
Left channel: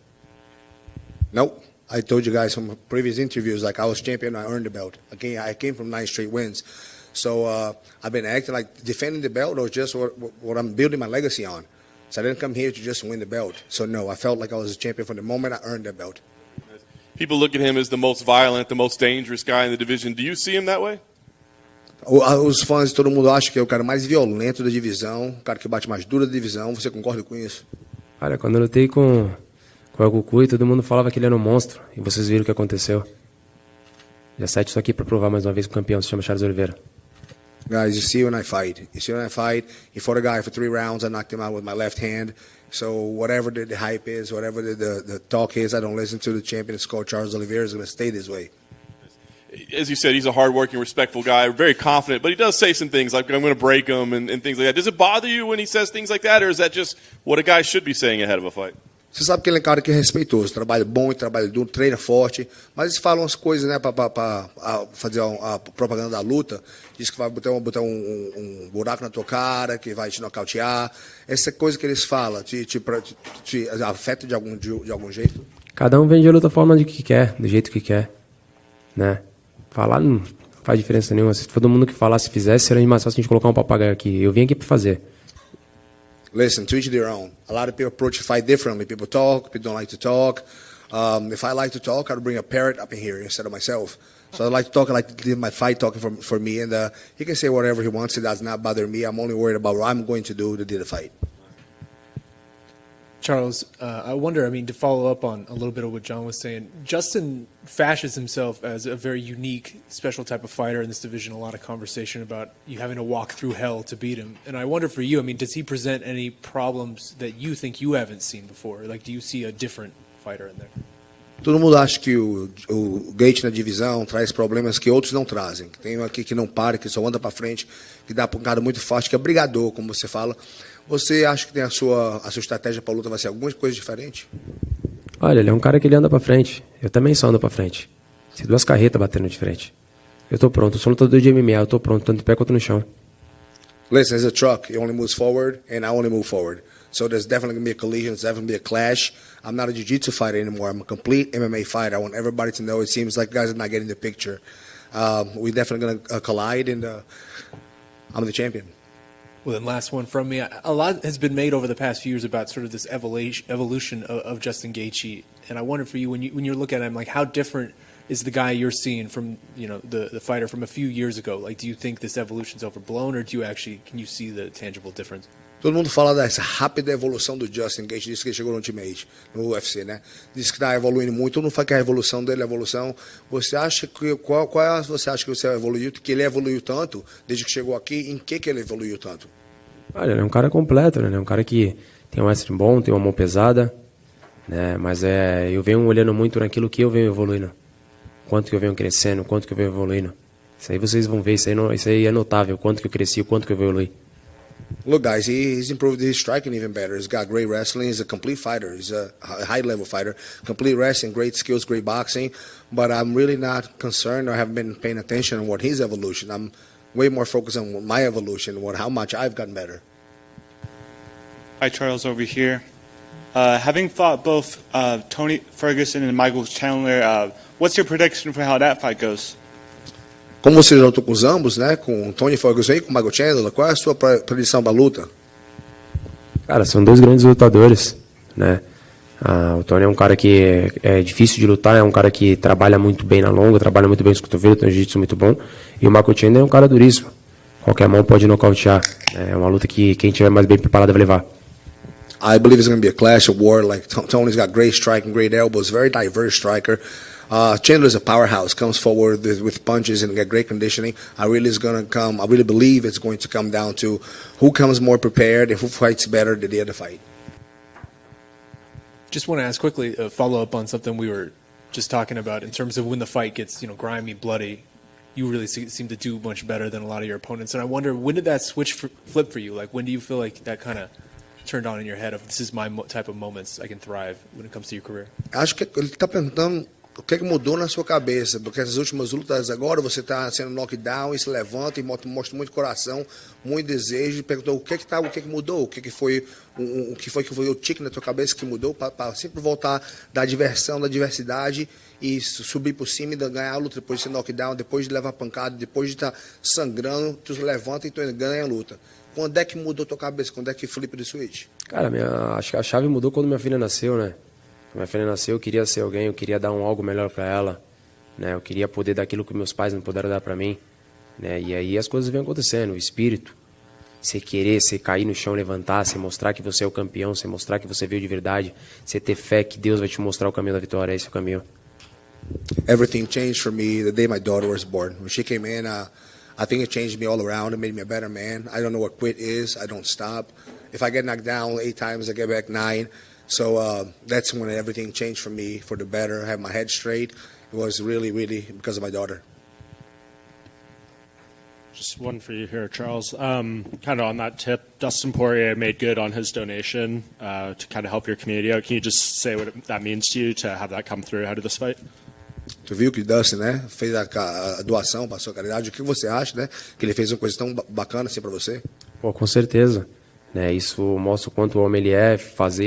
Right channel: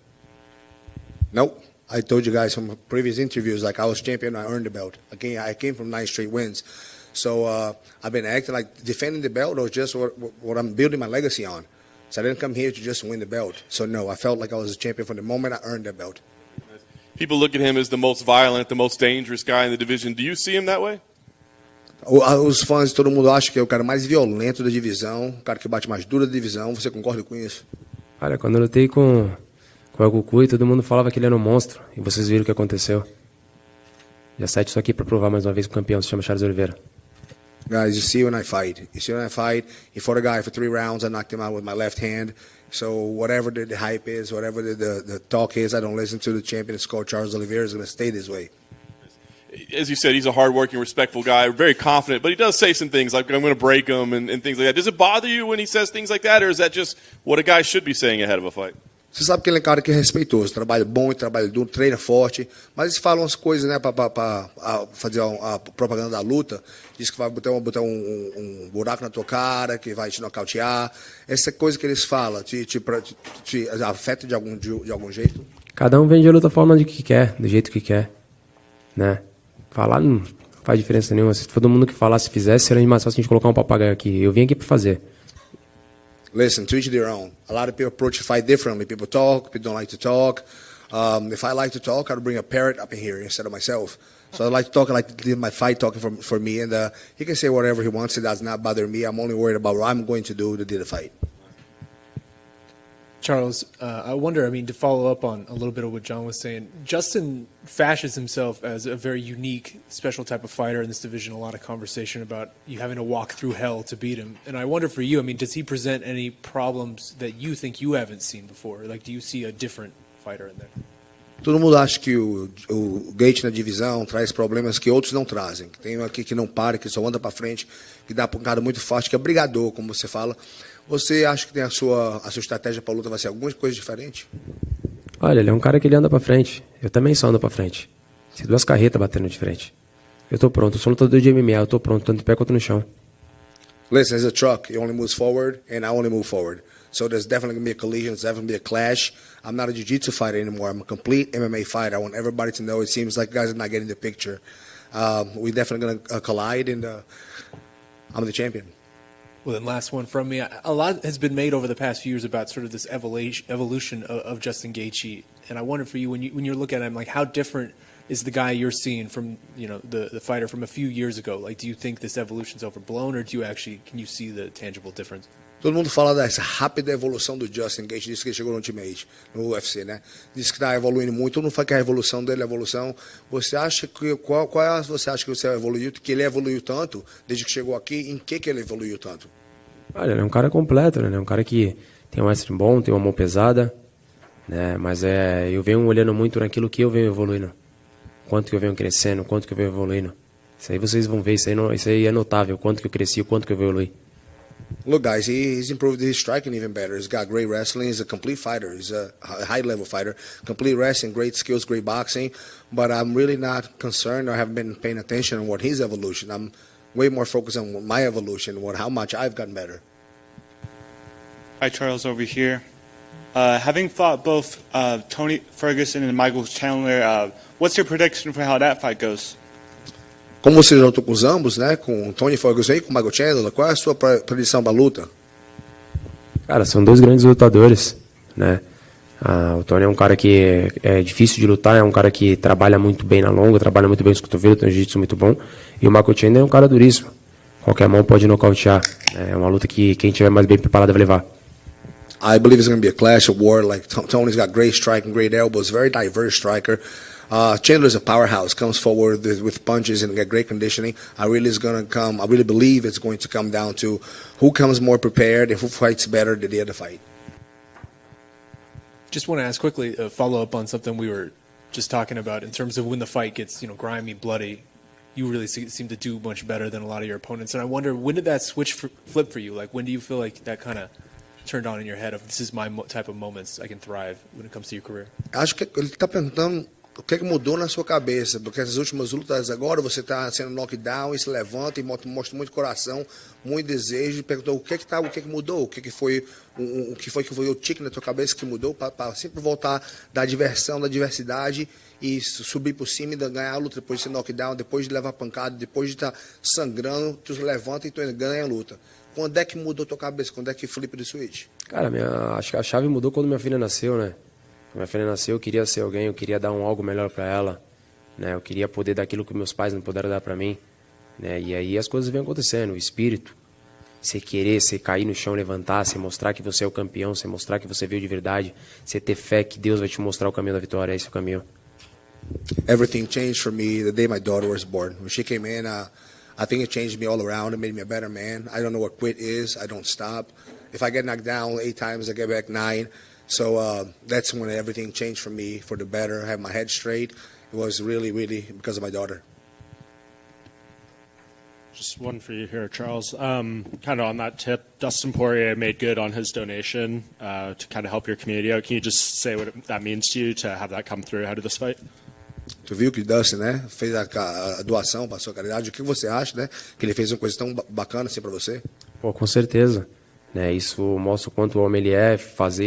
No. I told you guys from previous interviews, like I was champion, I earned the belt. I came from 9 straight wins. So I've been acting like defending the belt or just what I'm building my legacy on. So I didn't come here to just win the belt. So no, I felt like I was a champion from the moment I earned that belt. People look at him as the most violent, the most dangerous guy in the division. Do you see him that way? Os fãs, todo mundo acha que é o cara mais violento da divisão, o cara que bate mais duro da divisão. Você concorda com isso? Olha, quando eu lutei com o Goku, todo mundo falava que ele era um monstro. E vocês viram o que aconteceu. Dia 7 estou aqui para provar mais uma vez que o campeão se chama Charles Oliveira. Guys, you see when I fight. You see when I fight, he fought a guy for 3 rounds, I knocked him out with my left hand. So whatever the hype is, whatever the talk is, I don't listen to the champion. It's called Charles Oliveira. Is going to stay this way. As you said, he's a hardworking, respectful guy, very confident, but he does say some things like, I'm going to break him and things like that. Does it bother you when he says things like that, or is that just what a guy should be saying ahead of a fight? Você sabe que ele é um cara que é respeitoso, trabalha bom e trabalha duro, treina forte, mas eles falam as coisas, né, para fazer a propaganda da luta. Diz que vai botar um buraco na tua cara, que vai te nocautear. Essa coisa que eles falam te afeta de algum jeito? Cada um vende a luta da forma de que quer, do jeito que quer, né? Falar não faz diferença nenhuma. Se todo mundo que falasse, fizesse, seria mais fácil a gente colocar um papagaio aqui. Eu vim aqui para fazer. Listen, to each their own. A lot of people approach the fight differently. People talk, people don't like to talk. If I like to talk, I'd bring a parrot up in here instead of myself. So I like to talk, I like to do my fight talking for me, and he can say whatever he wants. It does not bother me. I'm only worried about what I'm going to do to do the fight. Charles, I wonder, I mean, to follow up on a little bit of what John was saying, Justin fashions himself as a very unique, special type of fighter in this division. A lot of conversation about you having to walk through hell to beat him. And I wonder for you, I mean, does he present any problems that you think you haven't seen before? Like, do you see a different fighter in there? Todo mundo acha que o Gaethje na divisão traz problemas que outros não trazem. Tem um aqui que não para, que só anda para frente, que dá um cara muito forte, que é brigador, como você fala. Você acha que tem a sua estratégia para a luta vai ser alguma coisa diferente? Olha, ele é um cara que ele anda pra frente. Eu também só ando pra frente. Se 2 carretas batendo de frente. Eu tô pronto, eu sou lutador de MMA, eu tô pronto, tanto no pé quanto no chão. Listen, as a truck, it only moves forward, and I only move forward. So there's definitely going to be a collision, there's definitely going to be a clash. I'm not a jiu-jitsu fighter anymore, I'm a complete MMA fighter. I want everybody to know, it seems like guys are not getting the picture. We're definitely going to collide, and I'm the champion. Well, then last one from me. A lot has been made over the past few years about sort of this evolution of Justin Gaethje, and I wonder for you when you're looking at him, like how different is the guy you're seeing from the fighter from a few years ago? Like, do you think this evolution's overblown, or can you see the tangible difference? Todo mundo fala dessa rápida evolução do Justin Gaethje, disse que ele chegou no Ultimate, no UFC, né? Diz que está evoluindo muito, todo mundo fala que a evolução dele é evolução. Você acha que você acha que você evoluiu, que ele evoluiu tanto desde que chegou aqui? Em que ele evoluiu tanto? Olha, ele é um cara completo, né? Ele é um cara que tem um wrestling bom, tem uma mão pesada, né? Mas eu venho olhando muito naquilo que eu venho evoluindo, quanto que eu venho crescendo, quanto que eu venho evoluindo. Isso aí vocês vão ver, isso aí é notável, quanto que eu cresci, quanto que eu evolui. Look, guys, he's improved his striking even better. He's got great wrestling. He's a complete fighter. He's a high-level fighter. Complete wrestling, great skills, great boxing. But I'm really not concerned or haven't been paying attention on what his evolution. I'm way more focused on my evolution, how much I've gotten better. Hi, Charles, over here. Having fought both Tony Ferguson and Michael Chandler, what's your prediction for how that fight goes? Como você já lutou com os ambos, né? Com o Tony Ferguson e com o Michael Chandler, qual é a sua predição para a luta? Cara, são 2 grandes lutadores, né? O Tony é um cara que é difícil de lutar, é um cara que trabalha muito bem na longa, trabalha muito bem os cotovelos, tem um jiu-jitsu muito bom. E o Michael Chandler é um cara duríssimo. Qualquer mão pode nocautear. É uma luta que quem estiver mais bem preparado vai levar. I believe it's going to be a clash of war. Like Tony's got great striking, great elbows, very diverse striker. Chandler's a powerhouse, comes forward with punches and got great conditioning. I really believe it's going to come down to who comes more prepared and who fights better the day of the fight. Just want to ask quickly, a follow up on something we were just talking about in terms of when the fight gets, grimy, bloody. You really seem to do much better than a lot of your opponents. And I wonder, when did that switch flip for you? Like, when do you feel like that kind of turned on in your head of this is my type of moments I can thrive when it comes to your career? Acho que ele está perguntando o que mudou na sua cabeça, porque essas últimas lutas agora você está sendo knockdown e se levanta e mostra muito coração, muito desejo. Perguntou o que mudou, o que foi o tique na tua cabeça que mudou para sempre voltar da diversão, da diversidade e subir por cima e ganhar a luta depois de ser knockdown, depois de levar pancada, depois de estar sangrando, tu levanta e tu ganha a luta. Quando é que mudou a tua cabeça? Quando é que flip de switch? Cara, acho que a chave mudou quando minha filha nasceu, né? Minha filha nasceu, eu queria ser alguém, eu queria dar algo melhor para ela, né? Eu queria poder dar aquilo que meus pais não puderam dar para mim, né? E aí as coisas vêm acontecendo, o espírito, você querer, você cair no chão, levantar, você mostrar que você é o campeão, você mostrar que você veio de verdade, você ter fé que Deus vai te mostrar o caminho da vitória, esse é o caminho. Everything changed for me the day my daughter was born. When she came in, I think it changed me all around. It made me a better man. I don't know what quit is. I don't stop. If I get knocked down 8 times, I get back 9. So that's when everything changed for me for the better. I have my head straight. It was really, really because of my daughter. Just one for you here, Charles. Kind of on that tip, Dustin Poirier made good on his donation to kind of help your community out. Can you just say what that means to you to have that come through ahead of this fight? Tu viu que Dustin, né, fez a doação para a sua caridade. O que você acha, né, que ele fez uma coisa tão bacana assim para você? Pô, com certeza. Né, isso mostra o quanto o homem ele é,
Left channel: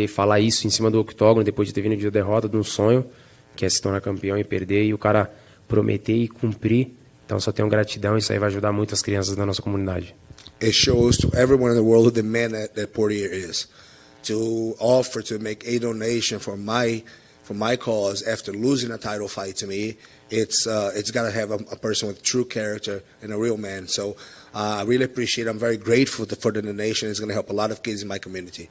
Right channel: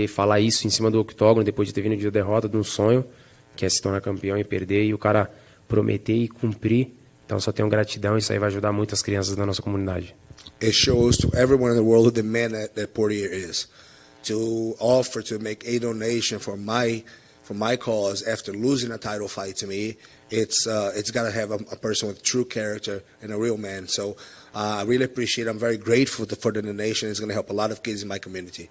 falar isso em cima do octógono depois de ter vindo de derrota de um sonho, que é se tornar campeão e perder, e o cara prometer e cumprir. Então só tenho gratidão, isso aí vai ajudar muitas crianças da nossa comunidade. It shows to everyone in the world who the man that Poirier is. To offer to make a donation for my cause after losing a title fight to me, it's got to have a person with true character and a real man. So I really appreciate it. I'm very grateful for the donation. It's going to help a lot of kids in my community.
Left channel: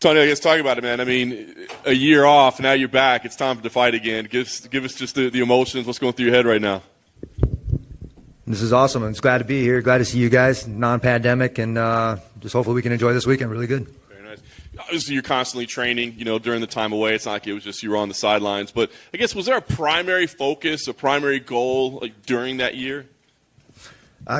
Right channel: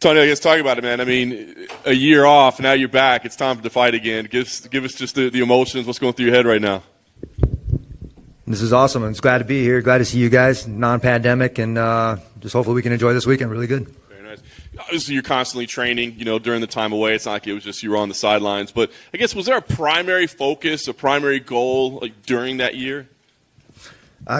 Tony, I guess talk about it, man. I mean, a year off, now you're back. It's time for the fight again. Give us just the emotions. What's going through your head right now? This is awesome. I'm just glad to be here. Glad to see you guys, non-pandemic, and just hopefully we can enjoy this weekend really good. Very nice. Obviously, you're constantly training, during the time away. It's not like it was just you were on the sidelines. But I guess, was there a primary focus, a primary goal, like during that year?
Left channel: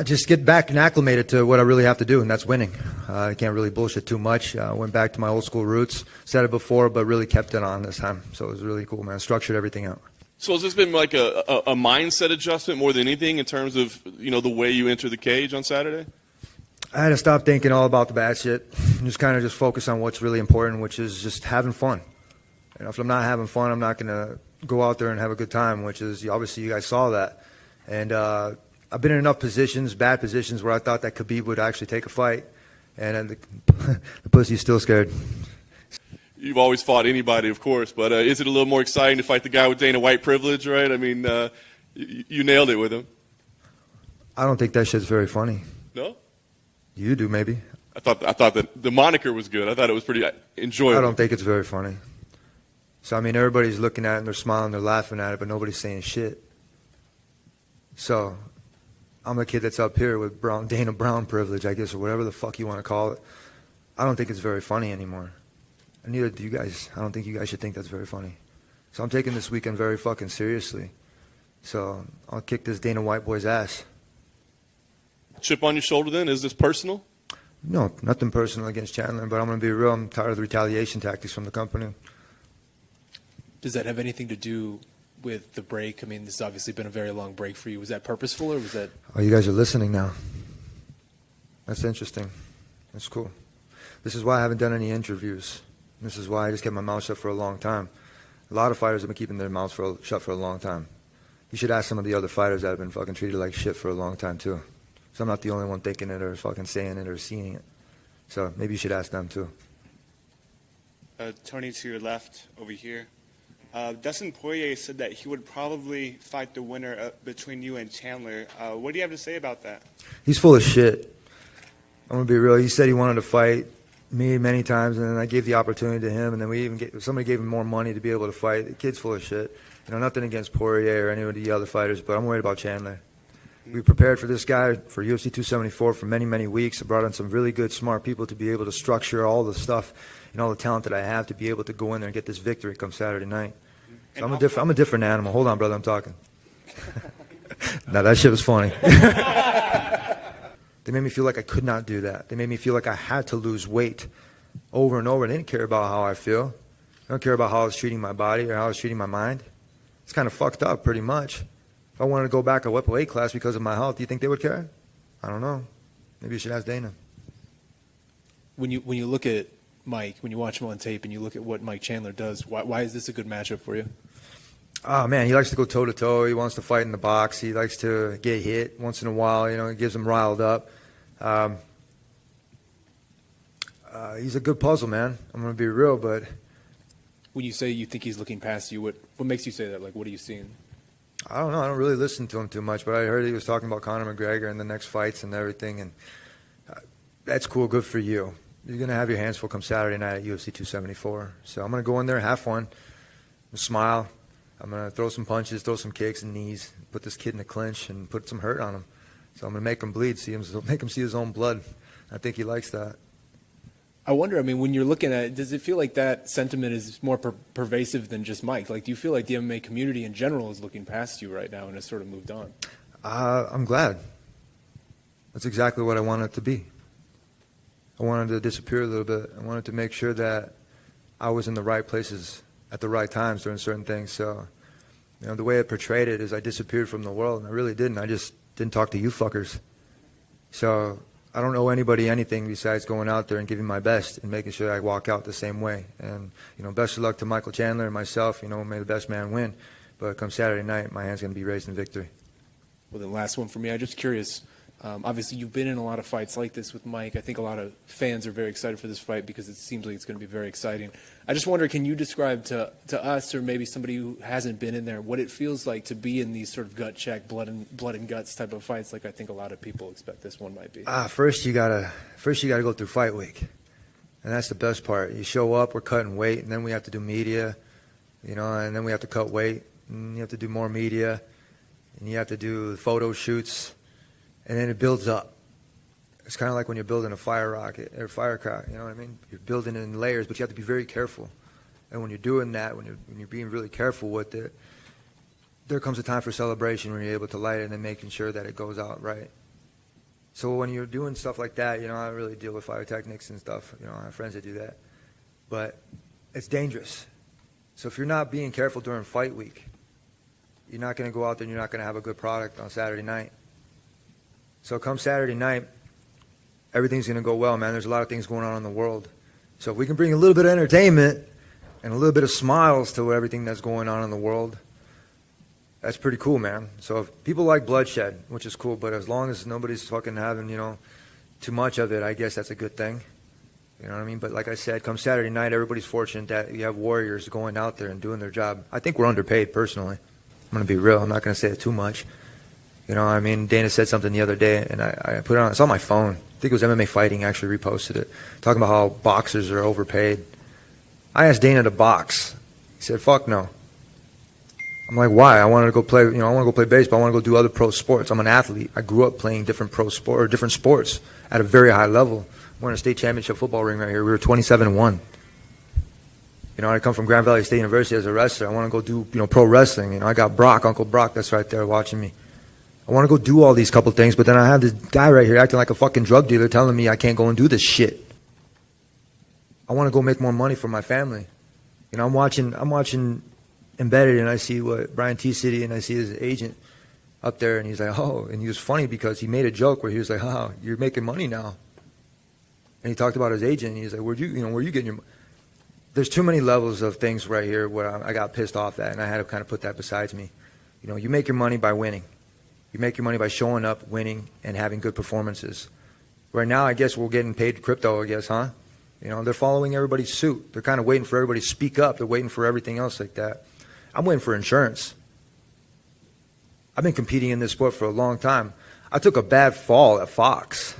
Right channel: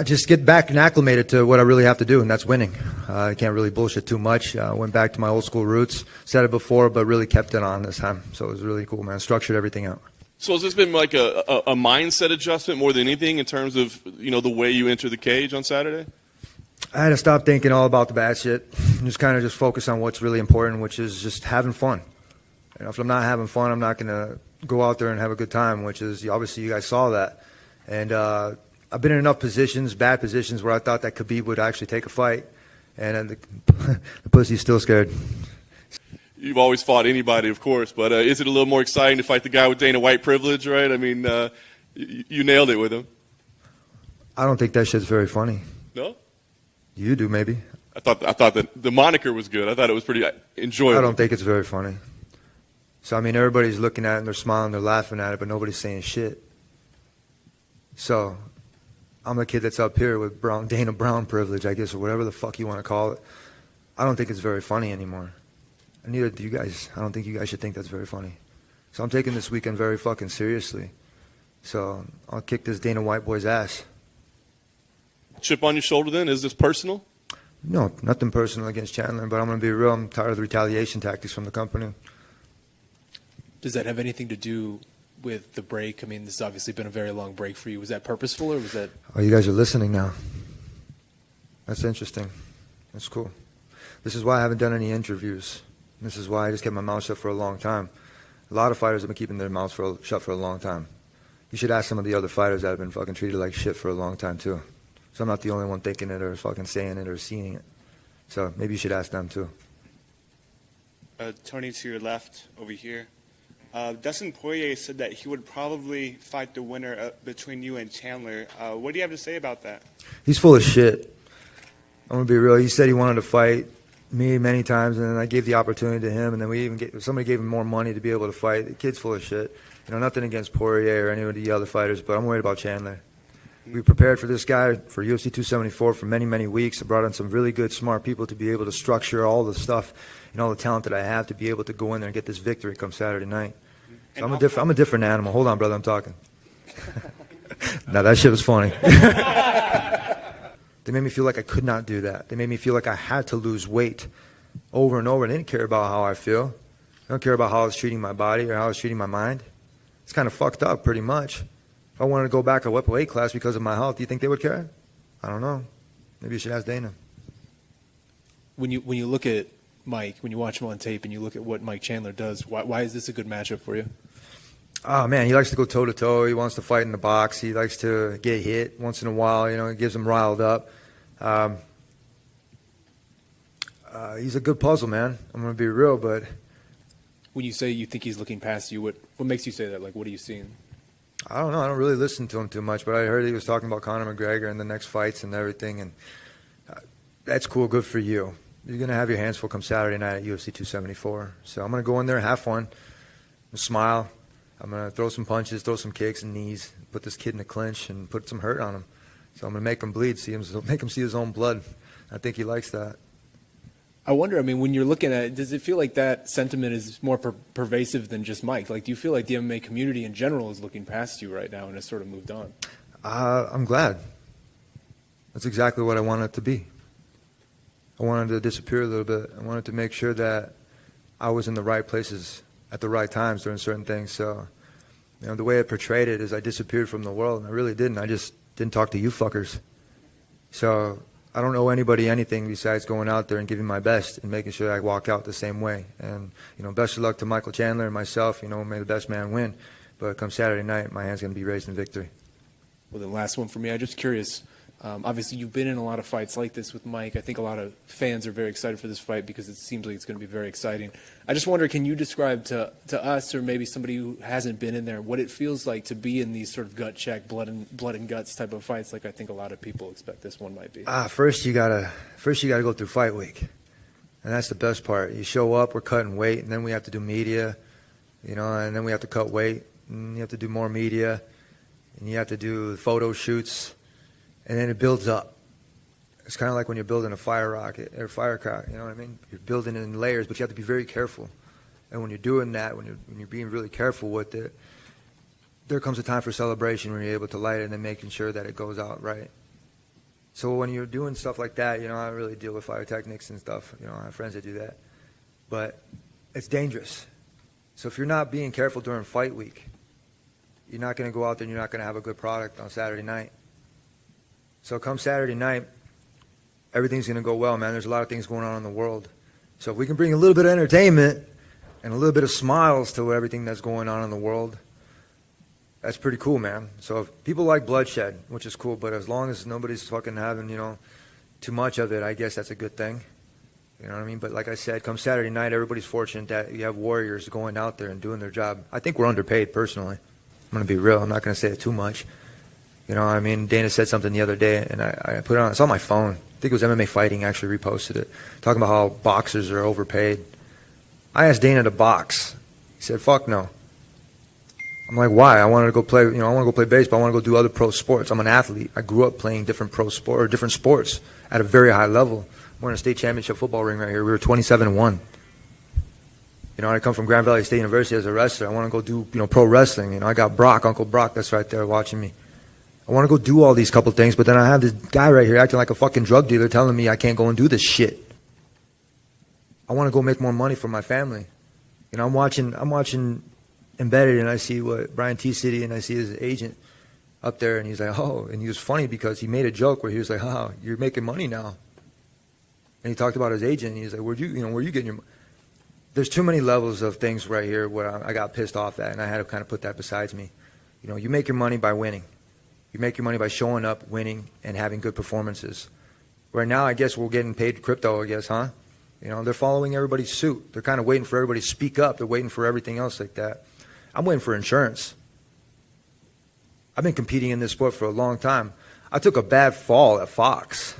Just get back and acclimated to what I really have to do, and that's winning. I can't really bullshit too much. Went back to my old school roots. Said it before, but really kept it on this time. So it was really cool, man. Structured everything out. So has this been like a mindset adjustment more than anything in terms of, the way you enter the cage on Saturday? I had to stop thinking all about the bad shit. Just kind of just focus on what's really important, which is just having fun. If I'm not having fun, I'm not going to go out there and have a good time, which is, obviously you guys saw that. And I've been in enough positions, bad positions, where I thought that Khabib would actually take a fight. And the pussy's still scared. You've always fought anybody, of course, but is it a little more exciting to fight the guy with Dana White privilege, right? I mean, you nailed it with him. I don't think that shit's very funny. No? You do, maybe. I thought that the moniker was good. I thought it was pretty enjoyable. I don't think it's very funny. So, I mean, everybody's looking at it and they're smiling, they're laughing at it, but nobody's saying shit. So, I'm the kid that's up here with Dana Brown privilege, I guess, or whatever the fuck you want to call it. I don't think it's very funny anymore. And neither do you guys. I don't think you guys should think that's very funny. So I'm taking this weekend very fucking seriously. So I'll kick this Dana White boy's ass. Chip on your shoulder then? Is this personal? No, nothing personal against Chandler, but I'm going to be real. I'm tired of the retaliation tactics from the company. Does that have anything to do with the break? I mean, this has obviously been a very long break for you. Was that purposeful or was that... Oh, you guys are listening now. That's interesting. That's cool. This is why I haven't done any interviews. This is why I just kept my mouth shut for a long time. A lot of fighters have been keeping their mouths shut for a long time. You should ask some of the other fighters that have been fucking treated like shit for a long time, too. So I'm not the only one thinking it or fucking saying it or seeing it. So maybe you should ask them, too. Tony, to your left, over here. Dustin Poirier said that he would probably fight the winner between you and Chandler. What do you have to say about that? He's full of shit. I'm going to be real. He said he wanted to fight me many times, and then I gave the opportunity to him, and then somebody gave him more money to be able to fight. The kid's full of shit. Nothing against Poirier or any of the other fighters, but I'm worried about Chandler. We prepared for this guy for UFC 274 for many, many weeks. I brought in some really good, smart people to be able to structure all the stuff and all the talent that I have to be able to go in there and get this victory come Saturday night. So I'm a different animal. Hold on, brother, I'm talking. No, that shit was funny. They made me feel like I could not do that. They made me feel like I had to lose weight over and over. They didn't care about how I feel. They don't care about how I was treating my body or how I was treating my mind. It's kind of fucked up, pretty much. If I wanted to go back a weight class because of my health, do you think they would care? I don't know. Maybe you should ask Dana. When you look at Mike, when you watch him on tape and you look at what Mike Chandler does, why is this a good matchup for you? Oh, man, he likes to go toe-to-toe. He wants to fight in the box. He likes to get hit once in a while. You know, it gets him riled up. He's a good puzzle, man. I'm going to be real, but... When you say you think he's looking past you, what makes you say that? Like, what are you seeing? I don't know. I don't really listen to him too much, but I heard he was talking about Conor McGregor and the next fights and everything, and that's cool. Good for you. You're going to have your hands full come Saturday night at UFC 274. So I'm going to go in there, have fun, smile. I'm going to throw some punches, throw some kicks and knees, put this kid in the clinch and put some hurt on him. So I'm going to make him bleed, make him see his own blood. I think he likes that. I wonder, I mean, when you're looking at it, does it feel like that sentiment is more pervasive than just Mike? Like, do you feel like the MMA community in general is looking past you right now and has sort of moved on? I'm glad. That's exactly what I wanted it to be. I wanted to disappear a little bit. I wanted to make sure that I was in the right places at the right times during certain things. So, you know, the way I portrayed it is I disappeared from the world. I really didn't. I just didn't talk to you fuckers. So I don't owe anybody anything besides going out there and giving my best and making sure I walk out the same way. And, you know, best of luck to Michael Chandler and myself. You know, may the best man win. But come Saturday night, my hand's going to be raised in victory. Well, then last one for me. I'm just curious. Obviously, you've been in a lot of fights like this with Mike. I think a lot of fans are very excited for this fight because it seems like it's going to be very exciting. I just wonder, can you describe to us or maybe somebody who hasn't been in there what it feels like to be in these sort of gut check, blood and guts type of fights like I think a lot of people expect this one might be? First you gotta go through fight week. And that's the best part. You show up, we're cutting weight, and then we have to do media, you know, and then we have to cut weight, and you have to do more media, and you have to do photo shoots. And then it builds up. It's kind of like when you're building a fire rocket or firecracker, you know what I mean? You're building it in layers, but you have to be very careful. And when you're doing that, when you're being really careful with it, there comes a time for celebration when you're able to light it and then making sure that it goes out right. So when you're doing stuff like that, you know, I don't really deal with fire techniques and stuff. You know, I have friends that do that. But it's dangerous. So if you're not being careful during fight week, you're not going to go out there and you're not going to have a good product on Saturday night. So come Saturday night, everything's going to go well, man. There's a lot of things going on in the world. So if we can bring a little bit of entertainment and a little bit of smiles to everything that's going on in the world, that's pretty cool, man. So if people like bloodshed, which is cool, but as long as nobody's fucking having, you know, too much of it, I guess that's a good thing. You know what I mean? But like I said, come Saturday night, everybody's fortunate that you have warriors going out there and doing their job. I think we're underpaid, personally. I'm going to be real. I'm not going to say it too much. You know, I mean, Dana said something the other day, and I put it on. It's on my phone. I think it was MMA Fighting actually reposted it, talking about how boxers are overpaid. I asked Dana to box. He said, "Fuck no." I'm like, "Why?" I wanted to go play. You know, I want to go play baseball. I want to go do other pro sports. I'm an athlete. I grew up playing different different sports at a very high level. We're in a state championship football ring right here. We were 27-1. You know, I come from Grand Valley State University as a wrestler. I want to go do, you know, pro wrestling. You know, I got Brock, Uncle Brock, that's right there watching me. I want to go do all these couple things, but then I have this guy right here acting like a fucking drug dealer telling me I can't go and do this shit. I want to go make more money for my family. You know, I'm watching Embedded, and I see what Brian T. City, and I see his agent up there, and he's like, oh, and he was funny because he made a joke where he was like, oh, you're making money now. And he talked about his agent, and he's like, where you getting your money? There's too many levels of things right here where I got pissed off at, and I had to kind of put that besides me. You know, you make your money by winning. You make your money by showing up, winning, and having good performances. Where now I guess we're getting paid crypto, I guess, huh? You know, they're following everybody's suit. They're kind of waiting for everybody to speak up. They're waiting for everything else like that. I'm waiting for insurance. I've been competing in this sport for a long time. I took a bad fall at Fox.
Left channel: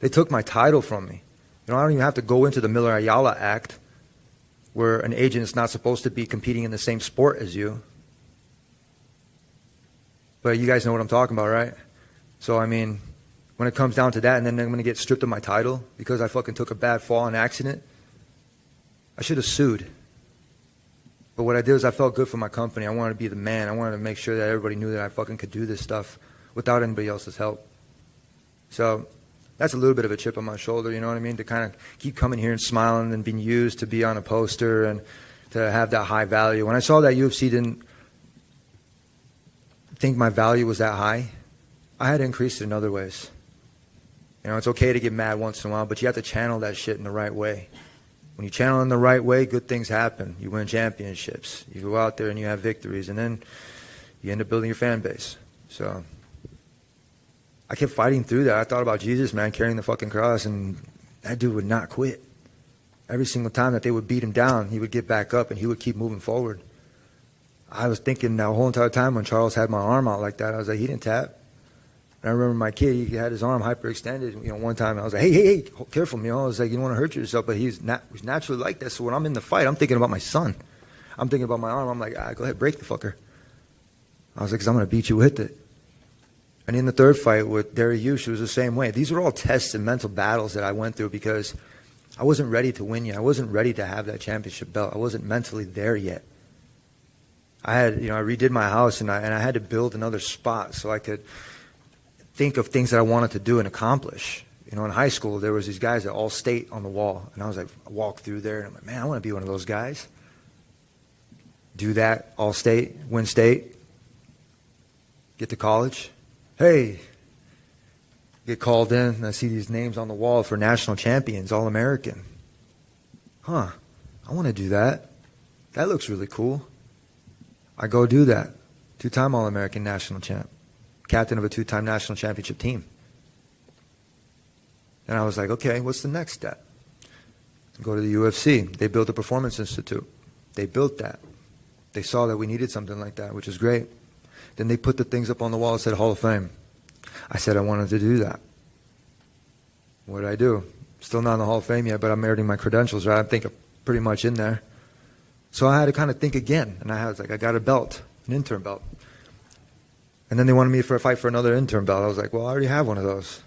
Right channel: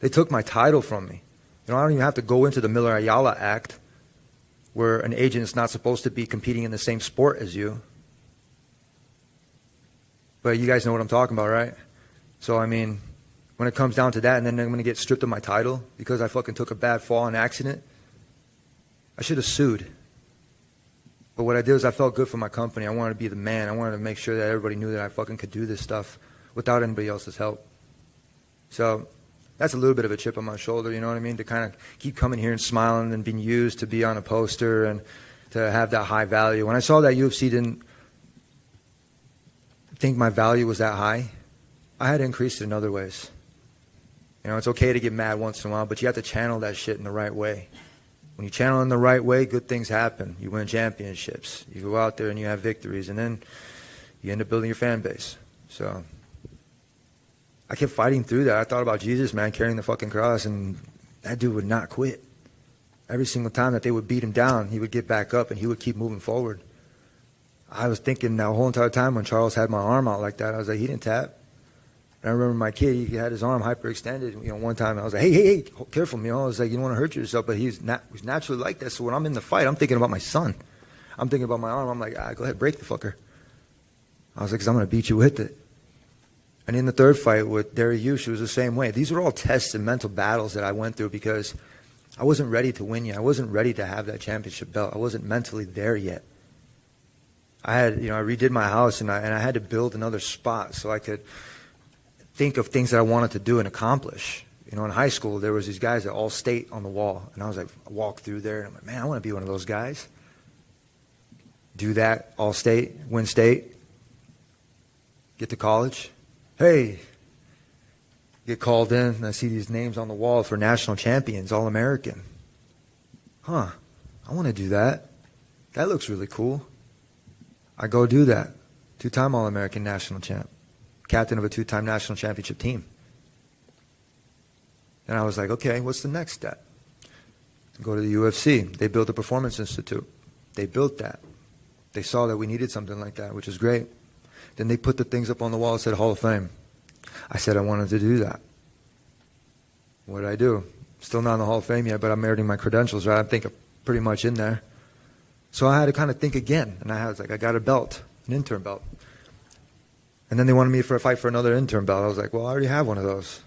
They took my title from me. You know, I don't even have to go into the Miller Ayala Act where an agent is not supposed to be competing in the same sport as you. But you guys know what I'm talking about, right? So, I mean, when it comes down to that, and then I'm going to get stripped of my title because I fucking took a bad fall in accident, I should have sued. But what I did is I felt good for my company. I wanted to be the man. I wanted to make sure that everybody knew that I fucking could do this stuff without anybody else's help. So that's a little bit of a chip on my shoulder, you know what I mean? To kind of keep coming here and smiling and being used to be on a poster and to have that high value. When I saw that UFC didn't think my value was that high, I had to increase it in other ways. You know, it's okay to get mad once in a while, but you have to channel that shit in the right way. When you channel in the right way, good things happen. You win championships. You go out there and you have victories, and then you end up building your fan base. So I kept fighting through that. I thought about Jesus, man, carrying the fucking cross, and that dude would not quit. Every single time that they would beat him down, he would get back up and he would keep moving forward. I was thinking the whole entire time when Charles had my arm out like that, I was like, he didn't tap. And I remember my kid, he had his arm hyperextended, you know, one time. I was like, hey, careful, you know. I was like, you don't want to hurt yourself, but he's naturally like that. So when I'm in the fight, I'm thinking about my son. I'm thinking about my arm. I'm like, go ahead, break the fucker. I was like, because I'm going to beat you with it. And in the third fight with Dariush, it was the same way. These were all tests and mental battles that I went through because I wasn't ready to win yet. I wasn't ready to have that championship belt. I wasn't mentally there yet. I redid my house and I had to build another spot so I could think of things that I wanted to do and accomplish. You know, in high school, there was these guys at All State on the wall. And I was like, I walked through there and I'm like, man, I want to be one of those guys. Do that, All State, win state, get to college. Hey, get called in and I see these names on the wall for national champions, All-American. I want to do that. That looks really cool. I go do that. 2-time All-American national champ. Captain of a 2-time national championship team. And I was like, okay, what's the next step? Go to the UFC. They built a performance institute. They built that. They saw that we needed something like that, which is great. Then they put the things up on the wall and said Hall of Fame. I said I wanted to do that. What did I do? Still not in the Hall of Fame yet, but I'm meriting my credentials, right? I think I'm pretty much in there. So I had to kind of think again. And I was like, I got a belt, an intern belt. And then they wanted me for a fight for another intern belt. I was like, well, I already have one of those.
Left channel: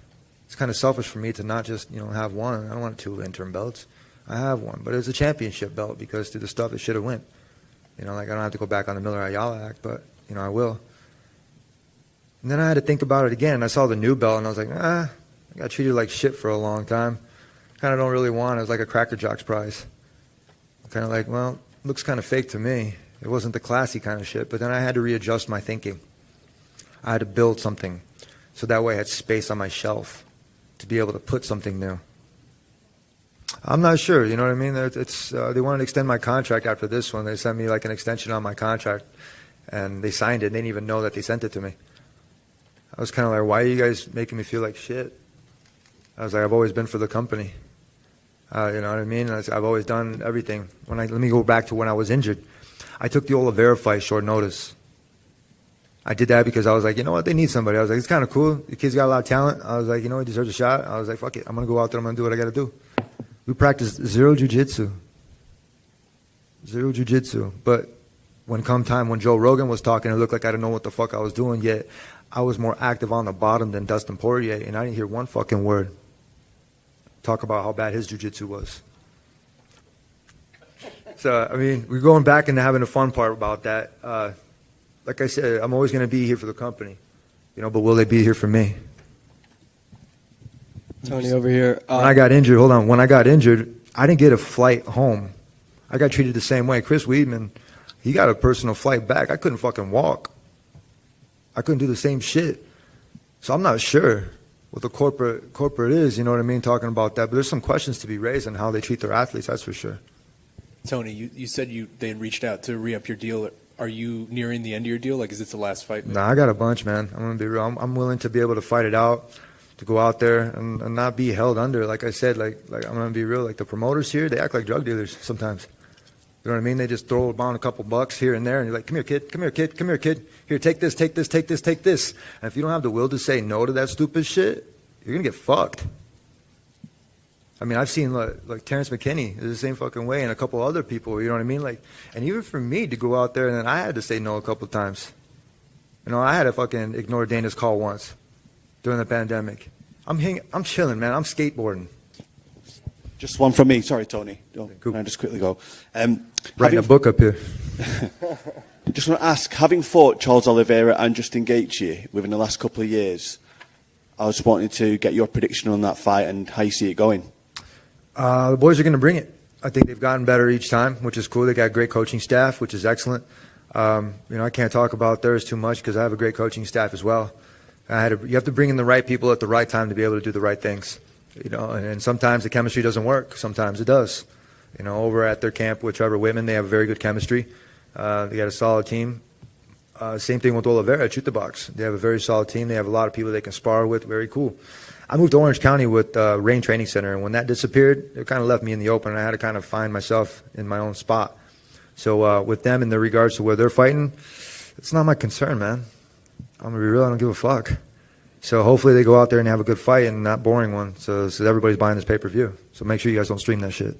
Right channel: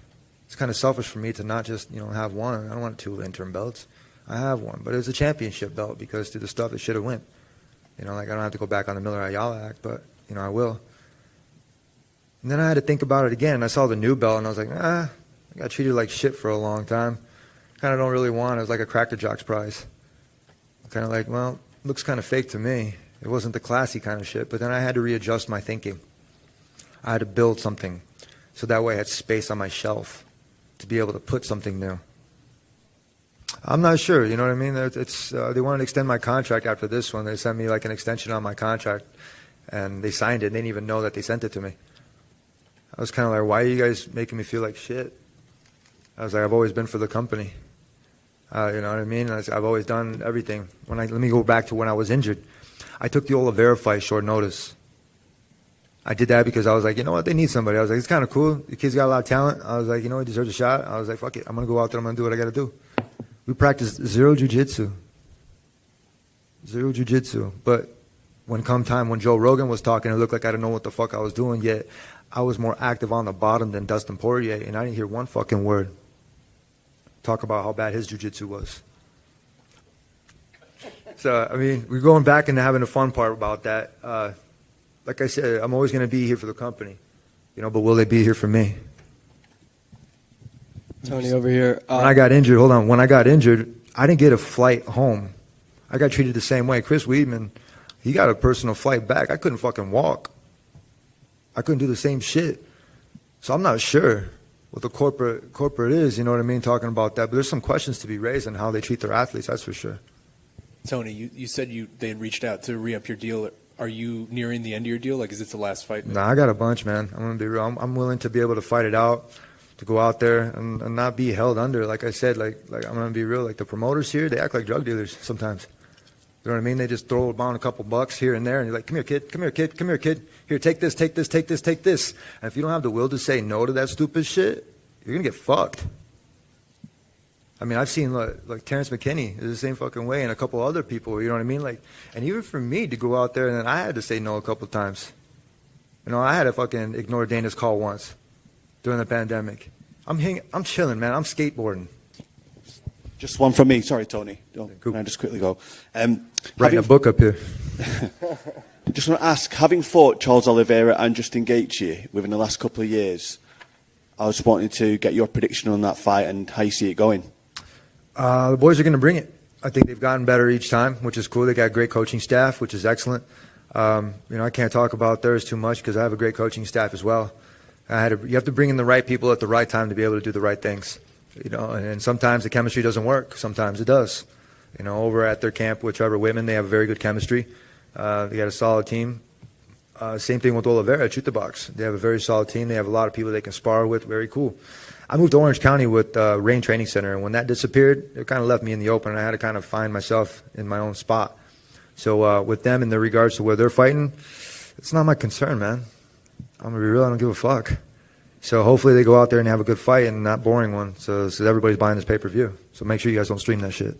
It's kind of selfish for me to not just, have one. I don't want 2 intern belts. I have one. But it's a championship belt because through the stuff it should have went. I don't have to go back on the Miller Ayala Act, but, I will. And then I had to think about it again. I saw the new belt, and I was like, I got treated like shit for a long time. Kind of don't really want it. It was like a Cracker Jacks prize. Kind of like, well, looks kind of fake to me. It wasn't the classy kind of shit. But then I had to readjust my thinking. I had to build something so that way I had space on my shelf to be able to put something new. I'm not sure, you know what I mean? They wanted to extend my contract after this one. They sent me like an extension on my contract, and they signed it. And they didn't even know that they sent it to me. I was kind of like, why are you guys making me feel like shit? I was like, I've always been for the company. You know what I mean? I've always done everything. Let me go back to when I was injured. I took the Oliveira fight short notice. I did that because I was like, you know what? They need somebody. I was like, it's kind of cool. The kid's got a lot of talent. I was like, he deserves a shot. I was like, fuck it. I'm going to go out there. I'm going to do what I got to do. We practiced zero jiu-jitsu. Zero jiu-jitsu. But when Joe Rogan was talking, it looked like I didn't know what the fuck I was doing, yet I was more active on the bottom than Dustin Poirier, and I didn't hear one fucking word talk about how bad his jiu-jitsu was. So, we're going back and having a fun part about that. Like I said, I'm always going to be here for the company, but will they be here for me? Tony over here. When I got injured, when I got injured, I didn't get a flight home. I got treated the same way. Chris Weidman, he got a personal flight back. I couldn't fucking walk. I couldn't do the same shit. So I'm not sure what the corporate is, you know what I mean, talking about that. But there's some questions to be raised on how they treat their athletes, that's for sure. Tony, you said they had reached out to re-up your deal. Are you nearing the end of your deal? Like, is this the last fight? No, I got a bunch, man. I'm going to be real. I'm willing to be able to fight it out, to go out there and not be held under. Like I said, like I'm going to be real. Like the promoters here, they act like drug dealers sometimes. You know what I mean? They just throw down a couple bucks here and there, and you're like, come here, kid, come here, kid, come here, kid. Here, take this, take this, take this, take this. And if you don't have the will to say no to that stupid shit, you're going to get fucked. I've seen like Terrence McKinney is the same fucking way, and a couple other people, you know what I mean? Like, and even for me to go out there, and then I had to say no a couple times. I had to fucking ignore Dana's call once during the pandemic. I'm chilling, man. I'm skateboarding. Just one from me. Sorry, Tony. Can I just quickly go? Writing a book up here. Just want to ask, having fought Charles Oliveira and Justin Gaethje within the last couple of years, I was wanting to get your prediction on that fight and how you see it going. The boys are going to bring it. I think they've gotten better each time, which is cool. They got a great coaching staff, which is excellent. I can't talk about theirs too much because I have a great coaching staff as well. You have to bring in the right people at the right time to be able to do the right things. And sometimes the chemistry doesn't work. Sometimes it does. Over at their camp with Trevor Whitman, they have very good chemistry. They got a solid team. Same thing with Oliveira at Shoot the Box. They have a very solid team. They have a lot of people they can spar with. Very cool. I moved to Orange County with Rain Training Center, and when that disappeared, it kind of left me in the open, and I had to kind of find myself in my own spot. So with them in the regards to where they're fighting, it's not my concern, man. I'm going to be real. I don't give a fuck. So hopefully they go out there and have a good fight and not boring one, so everybody's buying this pay-per-view. So make sure you guys don't stream that shit.